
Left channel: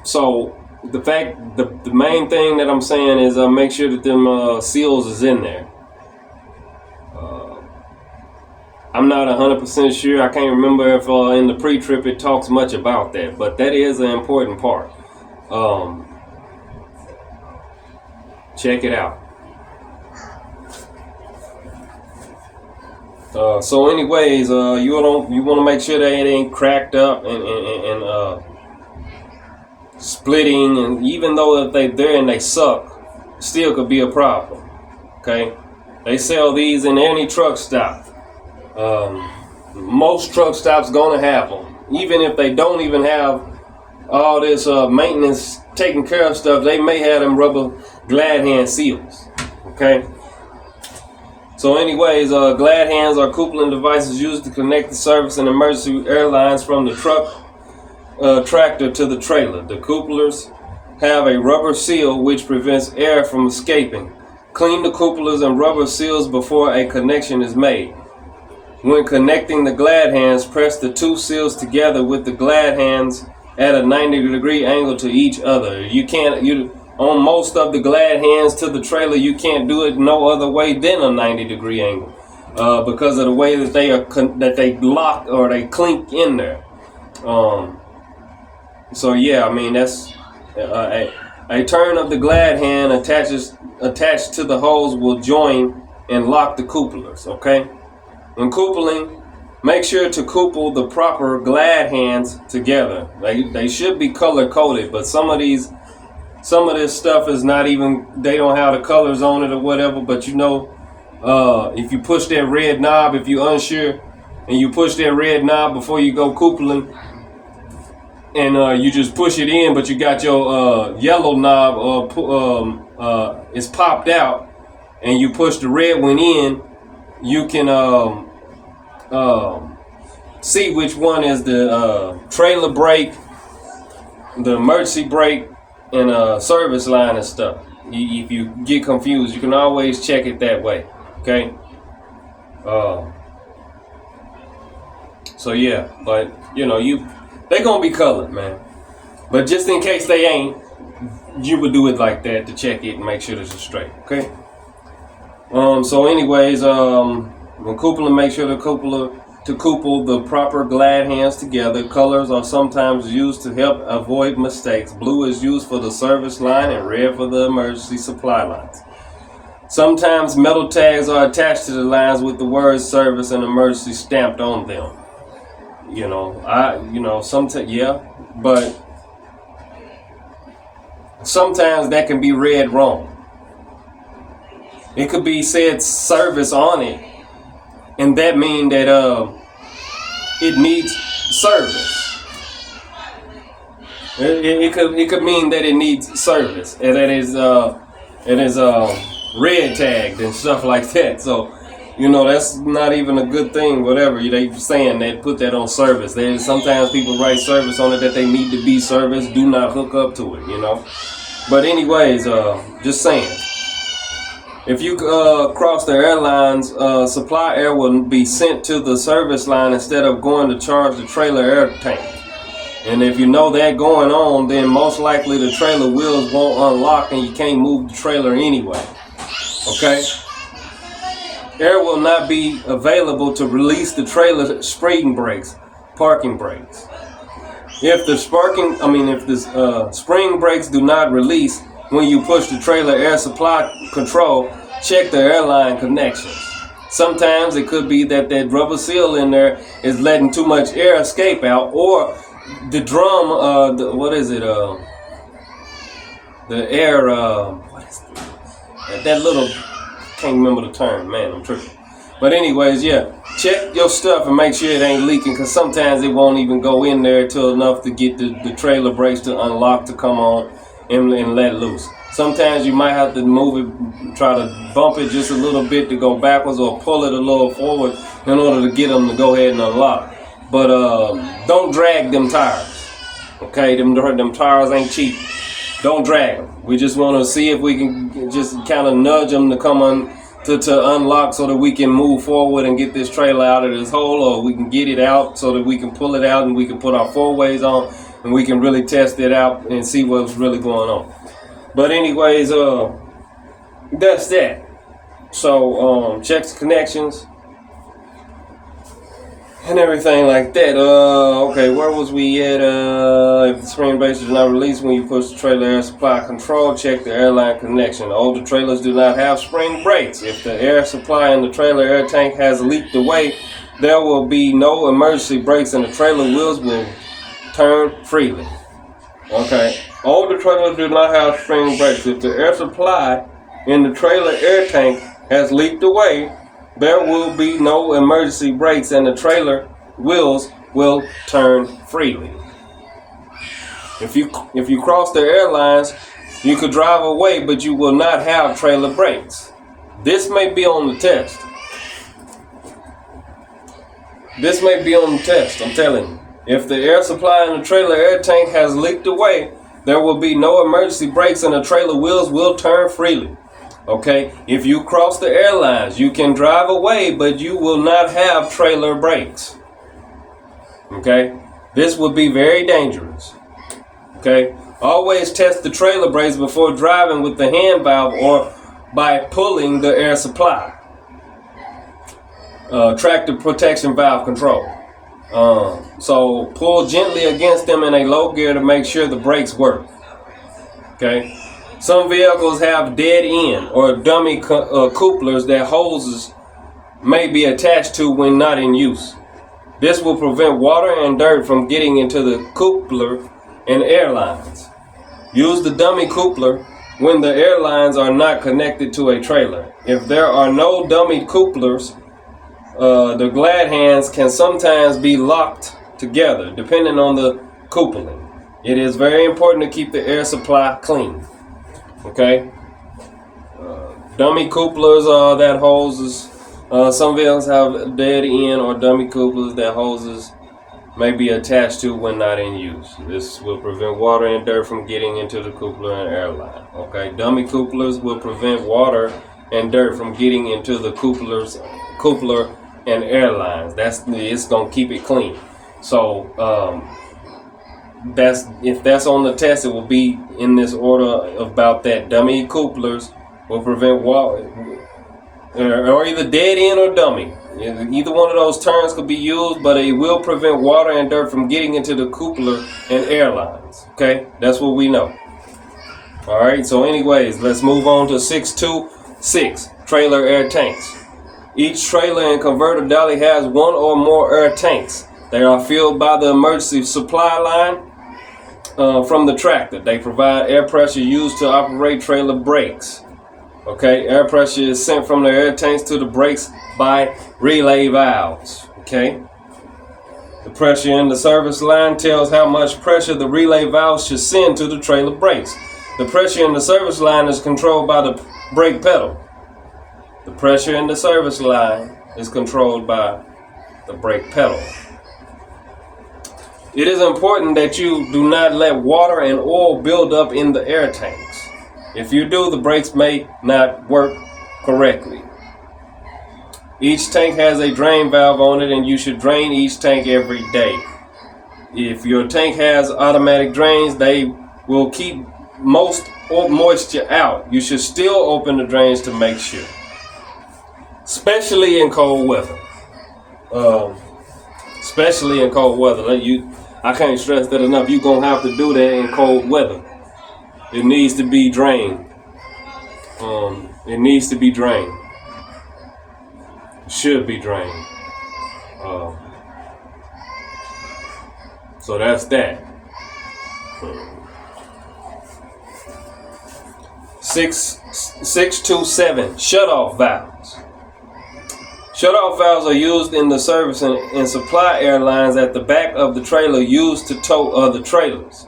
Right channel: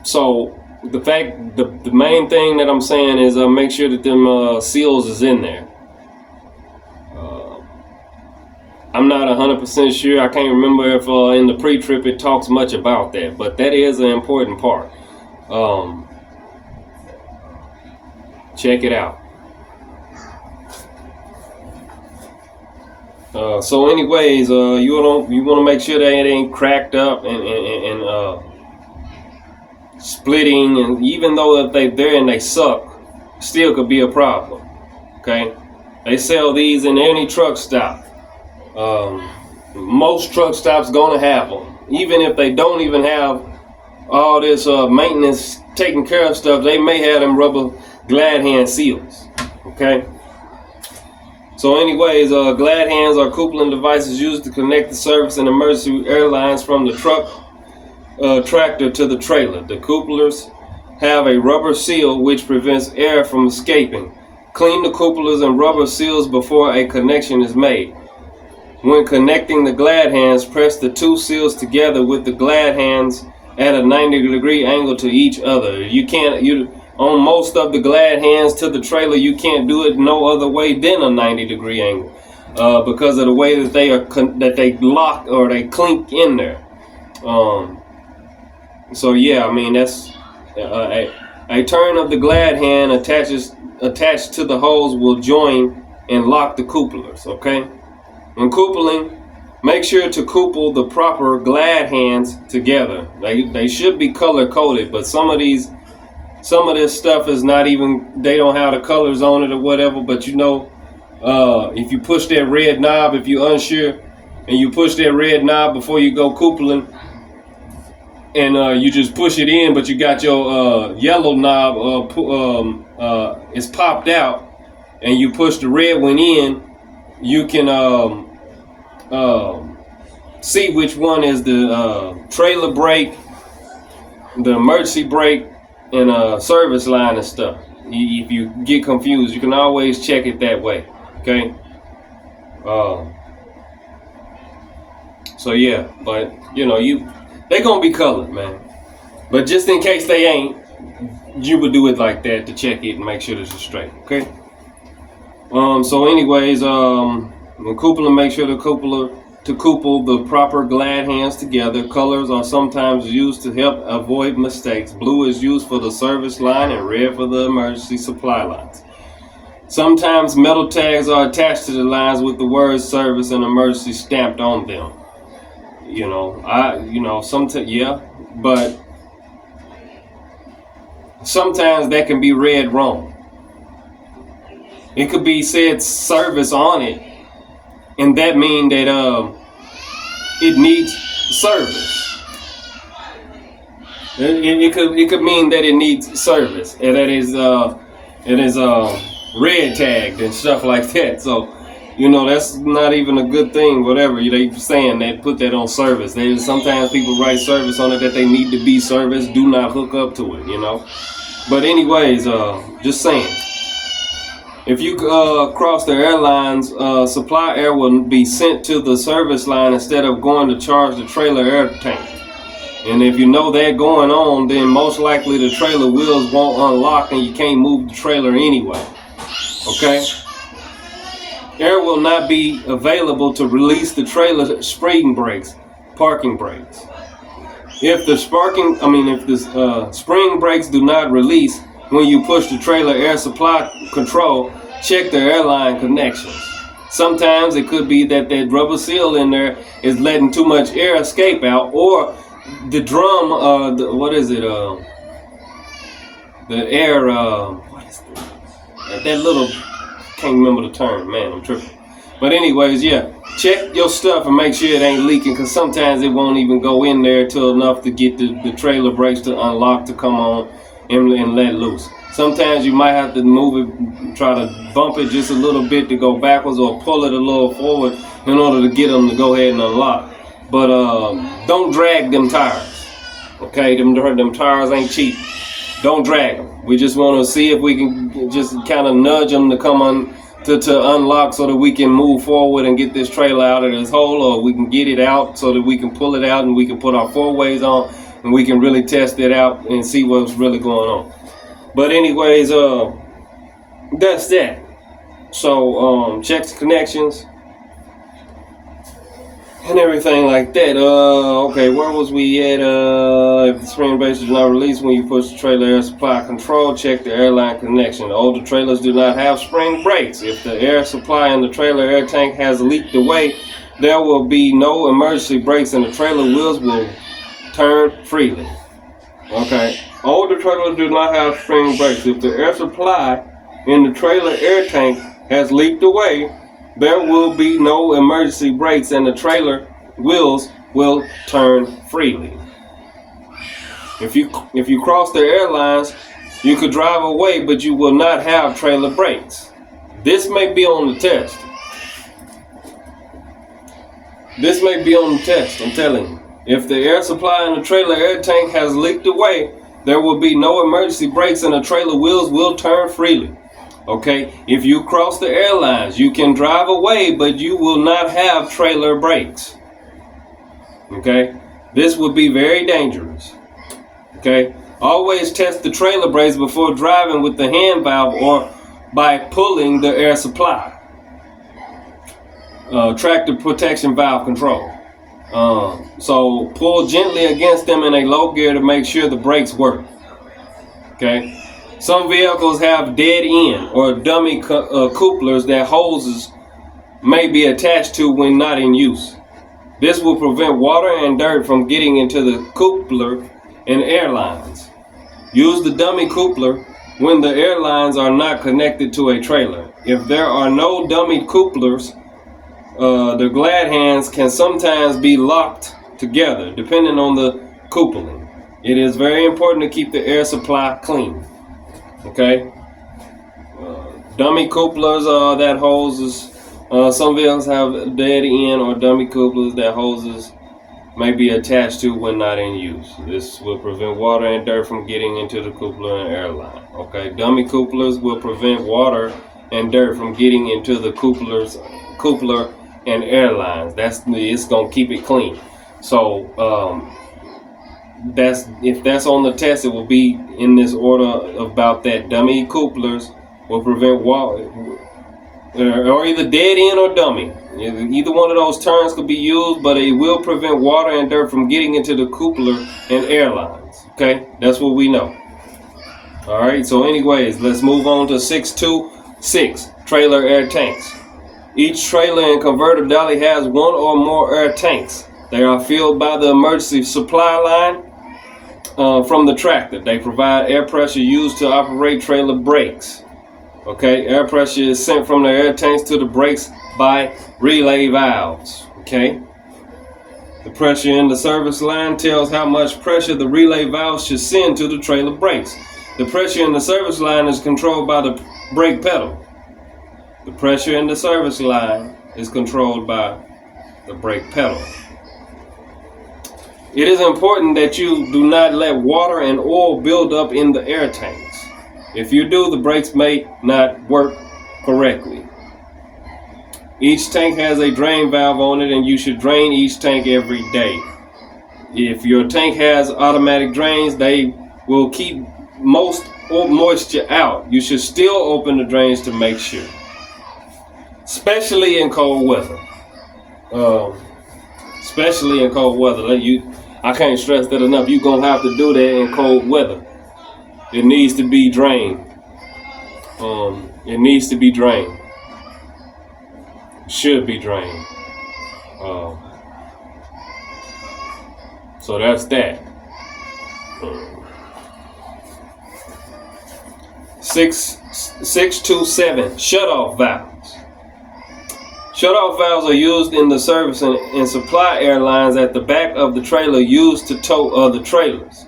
So the main thing that I'm saying is make sure that them seals is in there. I'm not 100% sure. I can't remember if in the pre-trip it talks much about that, but that is an important part. Check it out. So anyways, you want to make sure that it ain't cracked up and splitting, and even though if they're there and they suck, still could be a problem. Okay, they sell these in any truck stop. Most truck stops gonna have them, even if they don't even have all this maintenance taking care of stuff. They may have them rubber glad hand seals. Okay. So anyways, glad hands are coupling devices used to connect the service and emergency airlines from the truck tractor to the trailer. The couplers have a rubber seal which prevents air from escaping. Clean the couplers and rubber seals before a connection is made. When connecting the glad hands, press the two seals together with the glad hands at a 90-degree angle to each other. On most of the glad hands to the trailer, you can't do it no other way than a 90-degree angle because of the way that they lock or they clink in there. So yeah, I mean that's a turn of the glad hand attached to the hose will join and lock the couplers. Okay, when coupling, make sure to couple the proper glad hands together. They should be color coded, but some of this stuff is not even, they don't have the colors on it or whatever, but if you push that red knob, if you're unsure, and you push that red knob before you go coupling, and you just push it in, but you got your yellow knob it's popped out, and you push the red one in, you can see which one is the trailer brake, the emergency brake, and service line and stuff. If you get confused, you can always check it that way. Okay. So yeah, but you know, they gonna be colored, man. But just in case they ain't, you would do it like that to check it and make sure that it's straight. Okay. So anyways, when coupling, make sure to couple the proper glad hands together. Colors are sometimes used to help avoid mistakes. Blue is used for the service line and red for the emergency supply lines. Sometimes metal tags are attached to the lines with the words service and emergency stamped on them. But sometimes that can be read wrong. It could be said service on it, and that mean that it needs service. It could mean that it needs service, and that it is red tagged and stuff like that. So, that's not even a good thing. Whatever they saying, that put that on service. Sometimes people write service on it that they need to be serviced. Do not hook up to it. But anyways, just saying. If you cross the airlines, supply air will be sent to the service line instead of going to charge the trailer air tank. And if you know that going on, then most likely the trailer wheels won't unlock and you can't move the trailer anyway. Okay? Air will not be available to release the trailer spring brakes, parking brakes. If the spring brakes do not release when you push the trailer air supply control, check the airline connections. Sometimes it could be that rubber seal in there is letting too much air escape out, or the drum, can't remember the term, man, I'm tripping. But anyways, yeah, check your stuff and make sure it ain't leaking, because sometimes it won't even go in there till enough to get the trailer brakes to unlock, to come on and let loose. Sometimes you might have to move it, try to bump it just a little bit to go backwards, or pull it a little forward in order to get them to go ahead and unlock. But don't drag them tires. Okay, them tires ain't cheap. Don't drag them. We just want to see if we can just kind of nudge them to come on to unlock, so that we can move forward and get this trailer out of this hole, or we can get it out so that we can pull it out and we can put our 4-ways on and we can really test it out and see what's really going on. But anyways, that's that. So check the connections and everything like that. Okay, where was we at? If the spring brakes do not release when you push the trailer air supply control, check the airline connection. Older trailers do not have spring brakes. If the air supply in the trailer air tank has leaked away, there will be no emergency brakes and the trailer wheels will turn freely. Okay. Older trailers do not have spring brakes. If the air supply in the trailer air tank has leaked away, there will be no emergency brakes and the trailer wheels will turn freely. If you cross the airlines, you could drive away, but you will not have trailer brakes. This may be on the test. I'm telling you. If the air supply in the trailer air tank has leaked away, there will be no emergency brakes and the trailer wheels will turn freely. Okay? If you cross the airlines, you can drive away, but you will not have trailer brakes. Okay? This would be very dangerous. Okay? Always test the trailer brakes before driving with the hand valve or by pulling the air supply. Tractor protection valve control. So pull gently against them in a low gear to make sure the brakes work. Okay. Some vehicles have dead end or dummy couplers that hoses may be attached to when not in use. This will prevent water and dirt from getting into the coupler in airlines. Use the dummy coupler when the airlines are not connected to a trailer. If there are no dummy couplers, the glad hands can sometimes be locked together depending on the coupling. It is very important to keep the air supply clean. Okay. Dummy couplers that hoses. Some vehicles have dead end or dummy couplers that hoses may be attached to when not in use. This will prevent water and dirt from getting into the coupler and air line. Okay, dummy couplers will prevent water and dirt from getting into the coupler and air lines. It's gonna keep it clean. So if that's on the test, it will be in this order about that. Dummy couplers will prevent water, or either dead end or dummy. Either one of those terms could be used, but it will prevent water and dirt from getting into the coupler and air lines. Okay, that's what we know. All right, so anyways, let's move on to 626, trailer air tanks. Each trailer and converter dolly has one or more air tanks. They are filled by the emergency supply line from the tractor. They provide air pressure used to operate trailer brakes. Okay, air pressure is sent from the air tanks to the brakes by relay valves. Okay, the pressure in the service line tells how much pressure the relay valve should send to the trailer brakes. The pressure in the service line is controlled by the brake pedal. The pressure in the service line is controlled by the brake pedal. It is important that you do not let water and oil build up in the air tanks. If you do, the brakes may not work correctly. Each tank has a drain valve on it, and you should drain each tank every day. If your tank has automatic drains, they will keep most moisture out. You should still open the drains to make sure, especially in cold weather. Especially in cold weather. I can't stress that enough. You're going to have to do that in cold weather. It needs to be drained. It needs to be drained. Should be drained. So that's that. 627, shut-off valves. Shut-off valves are used in the service and supply airlines at the back of the trailer used to tow other trailers.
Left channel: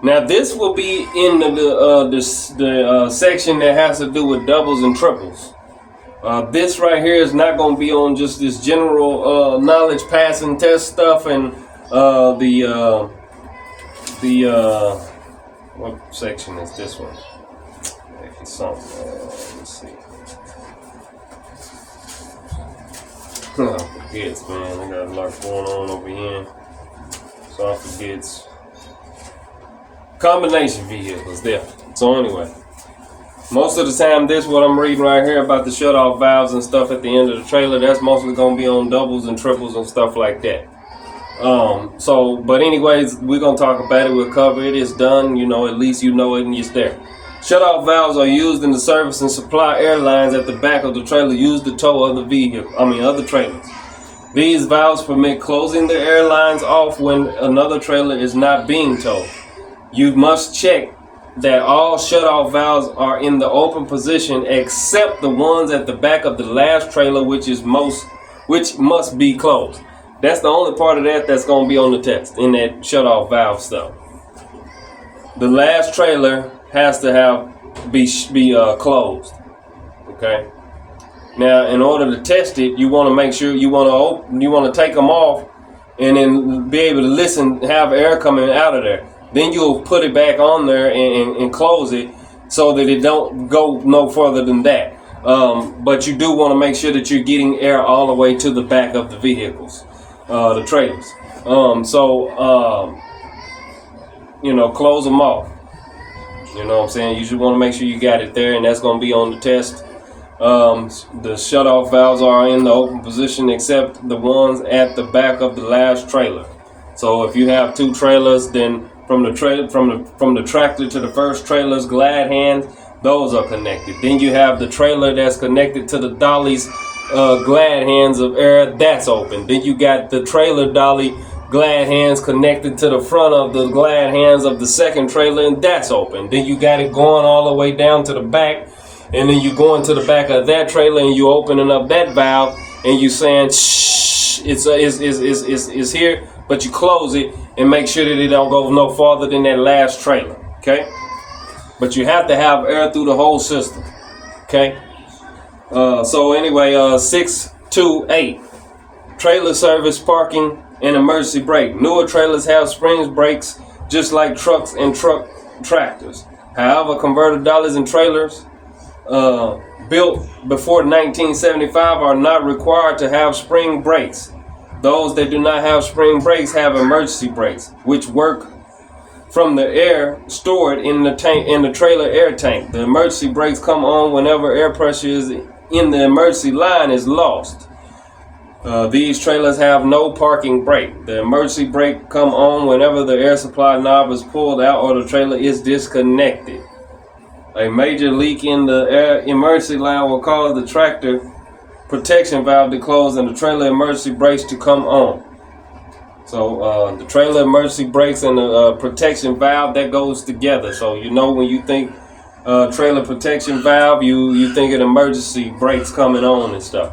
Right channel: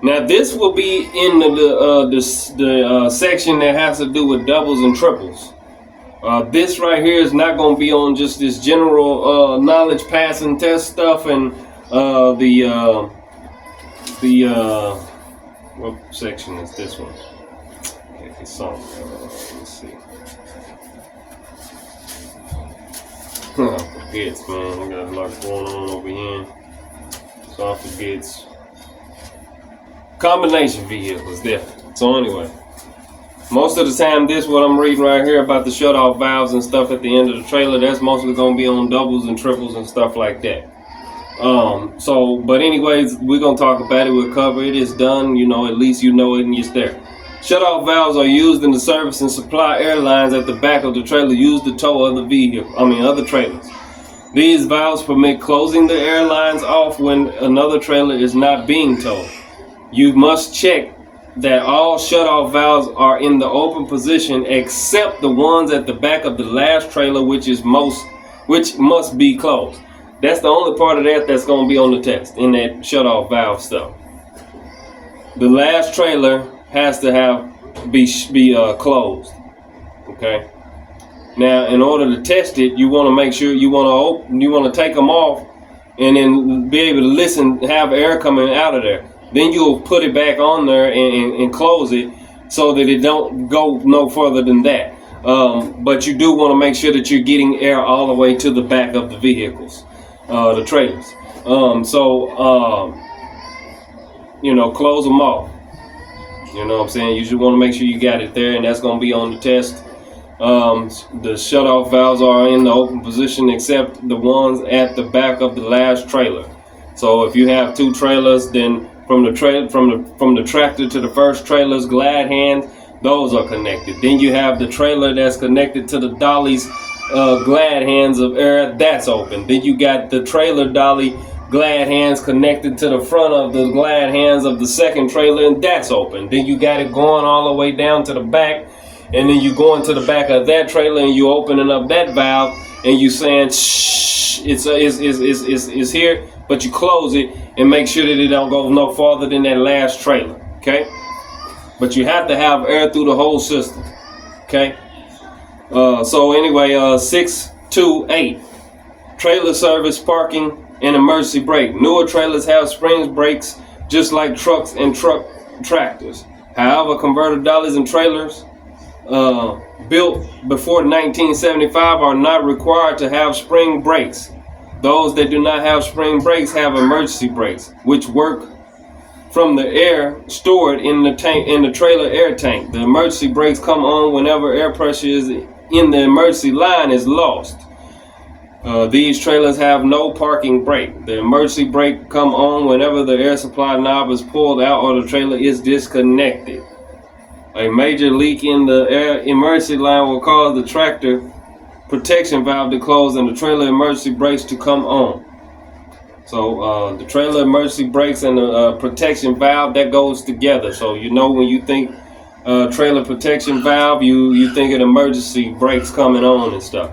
Now this will be in the section that has to do with doubles and triples. This right here is not going to be on just this general knowledge passing test stuff and what section is this one? It's something. Let's see. I forget, man. I got a lot going on over here, so I forget. Combination vehicles there. So anyway, most of the time what I'm reading right here about the shut-off valves and stuff at the end of the trailer, that's mostly going to be on doubles and triples and stuff like that. But anyways, we're going to talk about it. We'll cover it. It's done. At least you know it and it's there. Shut-off valves are used in the service and supply airlines at the back of the trailer used to tow other trailers. These valves permit closing the airlines off when another trailer is not being towed. You must check that all shut-off valves are in the open position except the ones at the back of the last trailer, which must be closed. That's the only part of that that's going to be on the test in that shut-off valve stuff. The last trailer has to be closed. Okay. Now, in order to test it, you want to make sure you want to take them off and then be able to listen, have air coming out of there. Then you'll put it back on there and close it so that it don't go no further than that. But you do want to make sure that you're getting air all the way to the back of the vehicles, the trailers. Close them off. You know what I'm saying? You should want to make sure you got it there, and that's going to be on the test. The shut-off valves are in the open position except the ones at the back of the last trailer. So if you have two trailers, then from the tractor to the first trailer's glad hands, those are connected. Then you have the trailer that's connected to the dolly's glad hands of air, that's open. Then you got the trailer dolly glad hands connected to the front of the glad hands of the second trailer, and that's open. Then you got it going all the way down to the back, and then you go into the back of that trailer and you opening up that valve, and you saying shh, it's here, but you close it and make sure that it don't go no farther than that last trailer. Okay, but you have to have air through the whole system. Okay. So anyway, 628, trailer service, parking, and emergency brake. Newer trailers have springs brakes just like trucks and tractors. However, converter dollies and trailers built before 1975 are not required to have spring brakes. Those that do not have spring brakes have emergency brakes, which work from the air stored in the tank, in the trailer air tank. The emergency brakes come on whenever air pressure is in the emergency line is lost. These trailers have no parking brake. The emergency brake come on whenever the air supply knob is pulled out or the trailer is disconnected. A major leak in the air emergency line will cause the tractor protection valve to close and the trailer emergency brakes to come on. So the trailer emergency brakes and the protection valve, that goes together. So you know, when you think trailer protection valve, you think of emergency brakes coming on and stuff.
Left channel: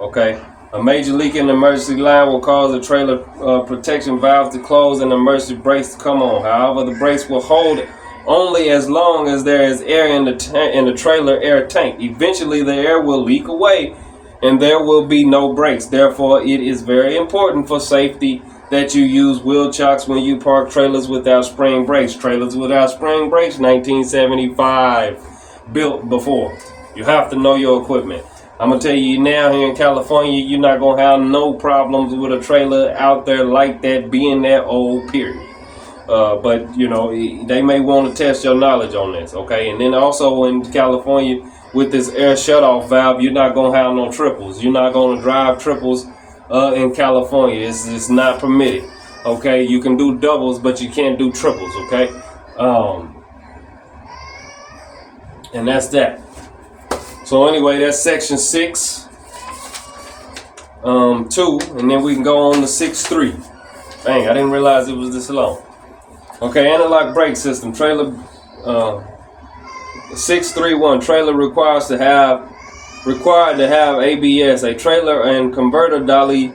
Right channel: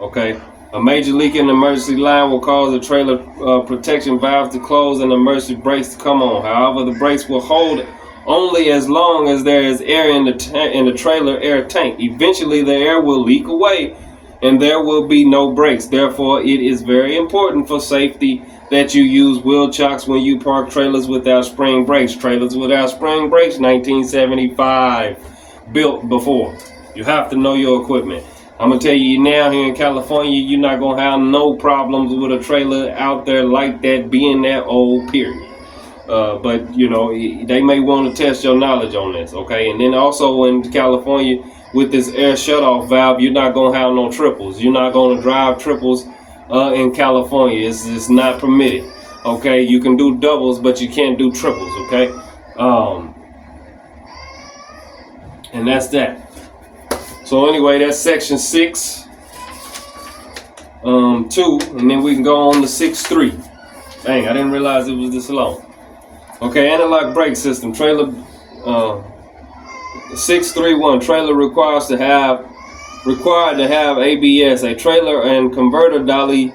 Okay. A major leak in the emergency line will cause the trailer protection valve to close and the emergency brakes to come on. However, the brakes will hold only as long as there is air in the trailer air tank. Eventually, the air will leak away and there will be no brakes. Therefore, it is very important for safety that you use wheel chocks when you park trailers without spring brakes. Trailers without spring brakes, 1975, built before. You have to know your equipment. I'm going to tell you now, here in California, you're not going to have no problems with a trailer out there like that being that old, period. But, you know, they may want to test your knowledge on this, okay? And then also in California, with this air shutoff valve, you're not going to have no triples. You're not going to drive triples in California. It's not permitted, okay? You can do doubles, but you can't do triples, okay? And that's that. So anyway, that's section 6, 2, and then we can go on to 6.3. Dang, I didn't realize it was this long. Okay, analog brake system. Trailer 631. Trailer required to have ABS. A trailer and converter dolly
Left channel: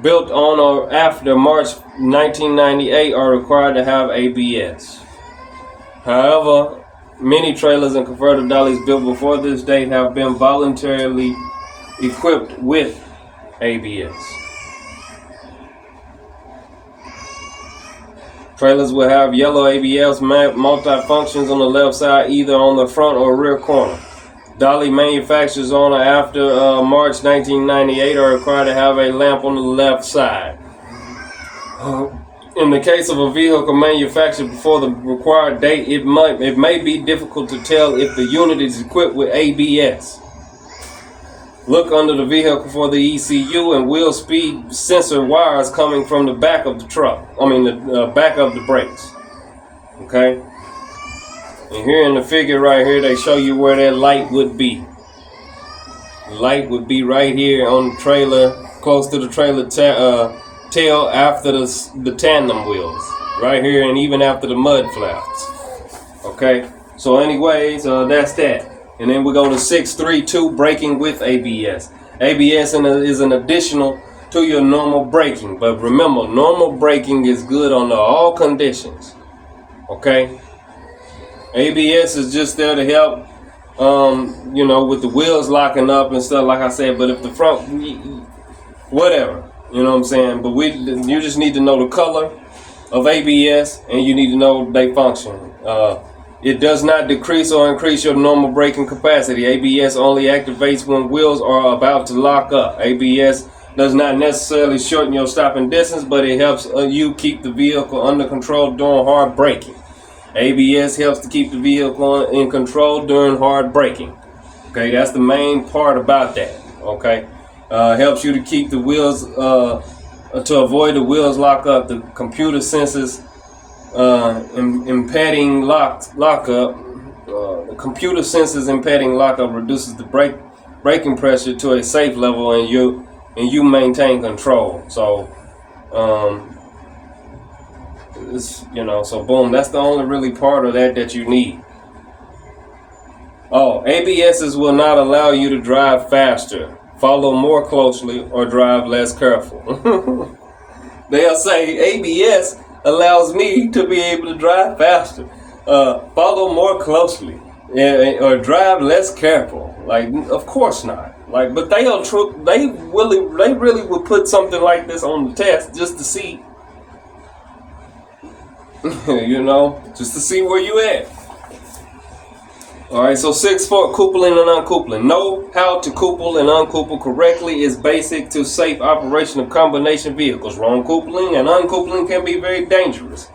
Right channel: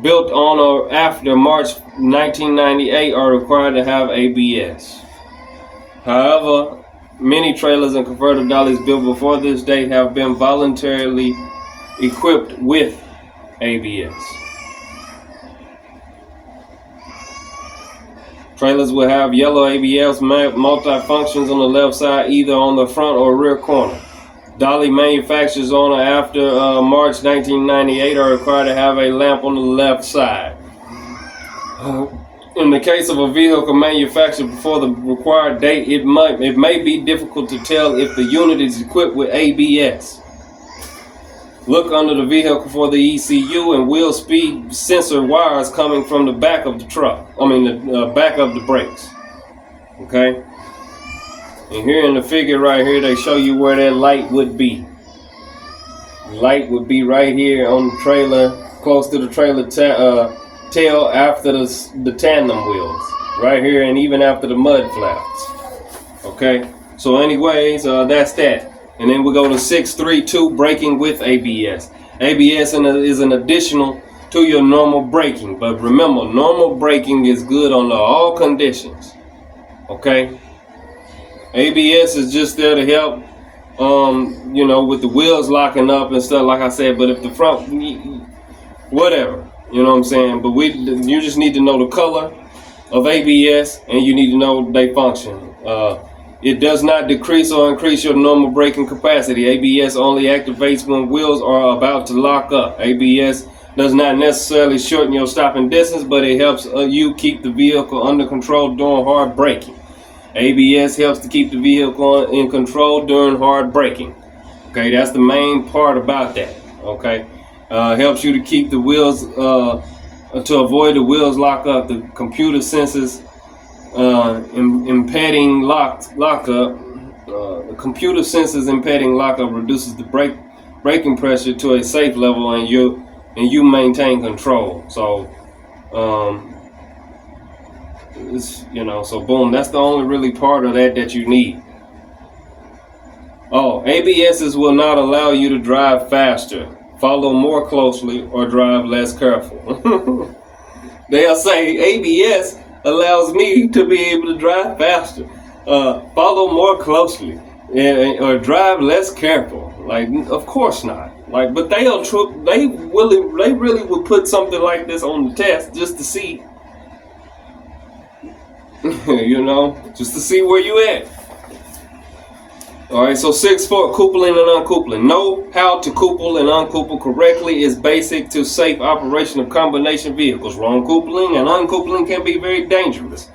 built on or after March 1998 are required to have ABS. However, many trailers and converter dollies built before this date have been voluntarily equipped with ABS. Trailers will have yellow ABS multi-functions on the left side, either on the front or rear corner. Dolly manufacturers on or after March 1998 are required to have a lamp on the left side. In the case of a vehicle manufactured before the required date, it may be difficult to tell if the unit is equipped with ABS. Look under the vehicle for the ECU and wheel speed sensor wires coming from the back of the truck. The back of the brakes. Okay? And here in the figure right here, they show you where that light would be. The light would be right here on the trailer, close to the trailer tail after the tandem wheels. Right here, and even after the mud flaps. Okay? So anyways, that's that. And then we go to 632, braking with ABS. ABS is an additional to your normal braking. But remember, normal braking is good under all conditions. Okay? ABS is just there to help, with the wheels locking up and stuff, like I said. But if the front, whatever, you know what I'm saying? But you just need to know the color of ABS and you need to know their function. It does not decrease or increase your normal braking capacity. ABS only activates when wheels are about to lock up. ABS does not necessarily shorten your stopping distance, but it helps you keep the vehicle under control during hard braking. ABS helps to keep the vehicle in control during hard braking. Okay, that's the main part about that. Okay, helps you to keep the wheels, to avoid the wheels lock up. The computer senses impeding lockup. The computer senses impeding lockup, reduces the braking pressure to a safe level, and you maintain control. So, so boom, that's the only really part of that you need. Oh, ABSs will not allow you to drive faster. follow more closely, or drive less careful. They'll say ABS allows me to be able to drive faster, follow more closely, or drive less careful. Like, of course not. Like, but they really would put something like this on the test just to see, just to see where you at. Alright, so 6-4, coupling and uncoupling. Know how to couple and uncouple correctly is basic to safe operation of combination vehicles. Wrong coupling and uncoupling can be very dangerous.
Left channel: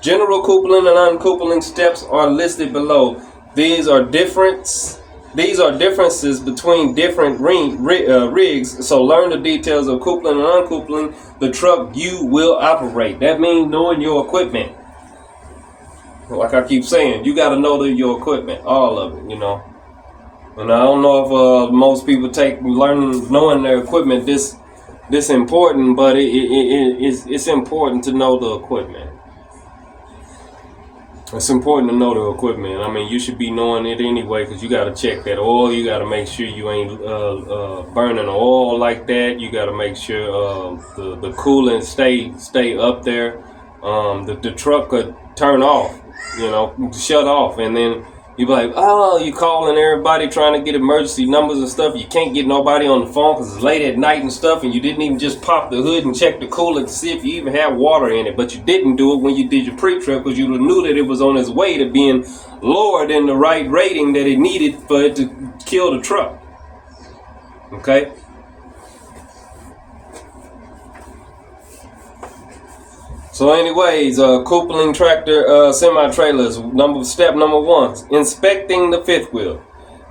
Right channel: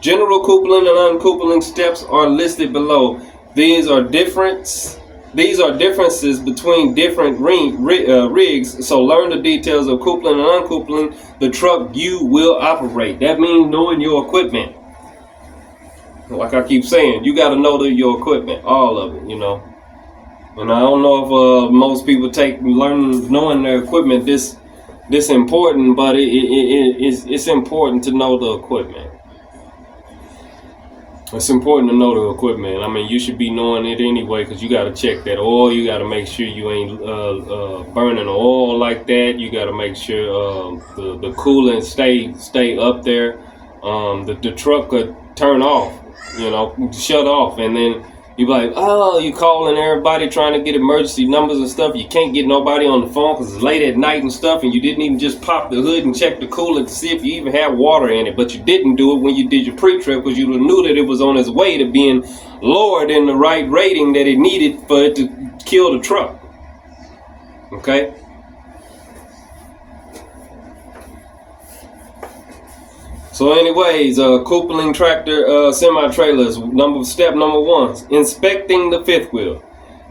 General coupling and uncoupling steps are listed below. These are differences between different rigs, so learn the details of coupling and uncoupling the truck you will operate. That means knowing your equipment. Like I keep saying, you got to know your equipment, all of it, And I don't know if most people take knowing their equipment this important, but it's important to know the equipment. It's important to know the equipment. I mean, you should be knowing it anyway, because you got to check that oil. You got to make sure you ain't burning oil like that. You got to make sure the coolant stay up there. The truck could turn off, shut off, and then you be like, oh, you calling everybody trying to get emergency numbers and stuff. You can't get nobody on the phone because it's late at night and stuff, and you didn't even just pop the hood and check the coolant to see if you even have water in it. But you didn't do it when you did your pre-trip because you knew that it was on its way to being lowered in the right rating that it needed for it to kill the truck. Okay? So anyways, coupling tractor semi-trailers, step number 1, inspecting the fifth wheel.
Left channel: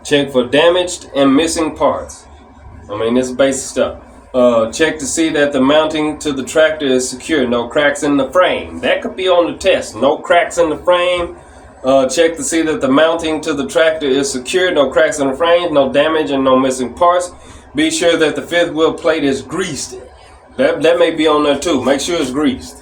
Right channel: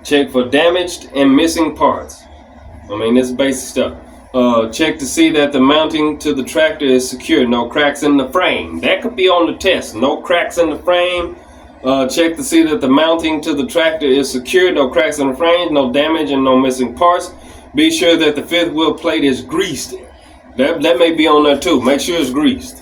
Check for damaged and missing parts. I mean, this is basic stuff. Check to see that the mounting to the tractor is secure. No cracks in the frame. That could be on the test. No cracks in the frame. Check to see that the mounting to the tractor is secure. No cracks in the frame. No damage and no missing parts. Be sure that the fifth wheel plate is greased. That may be on there too. Make sure it's greased.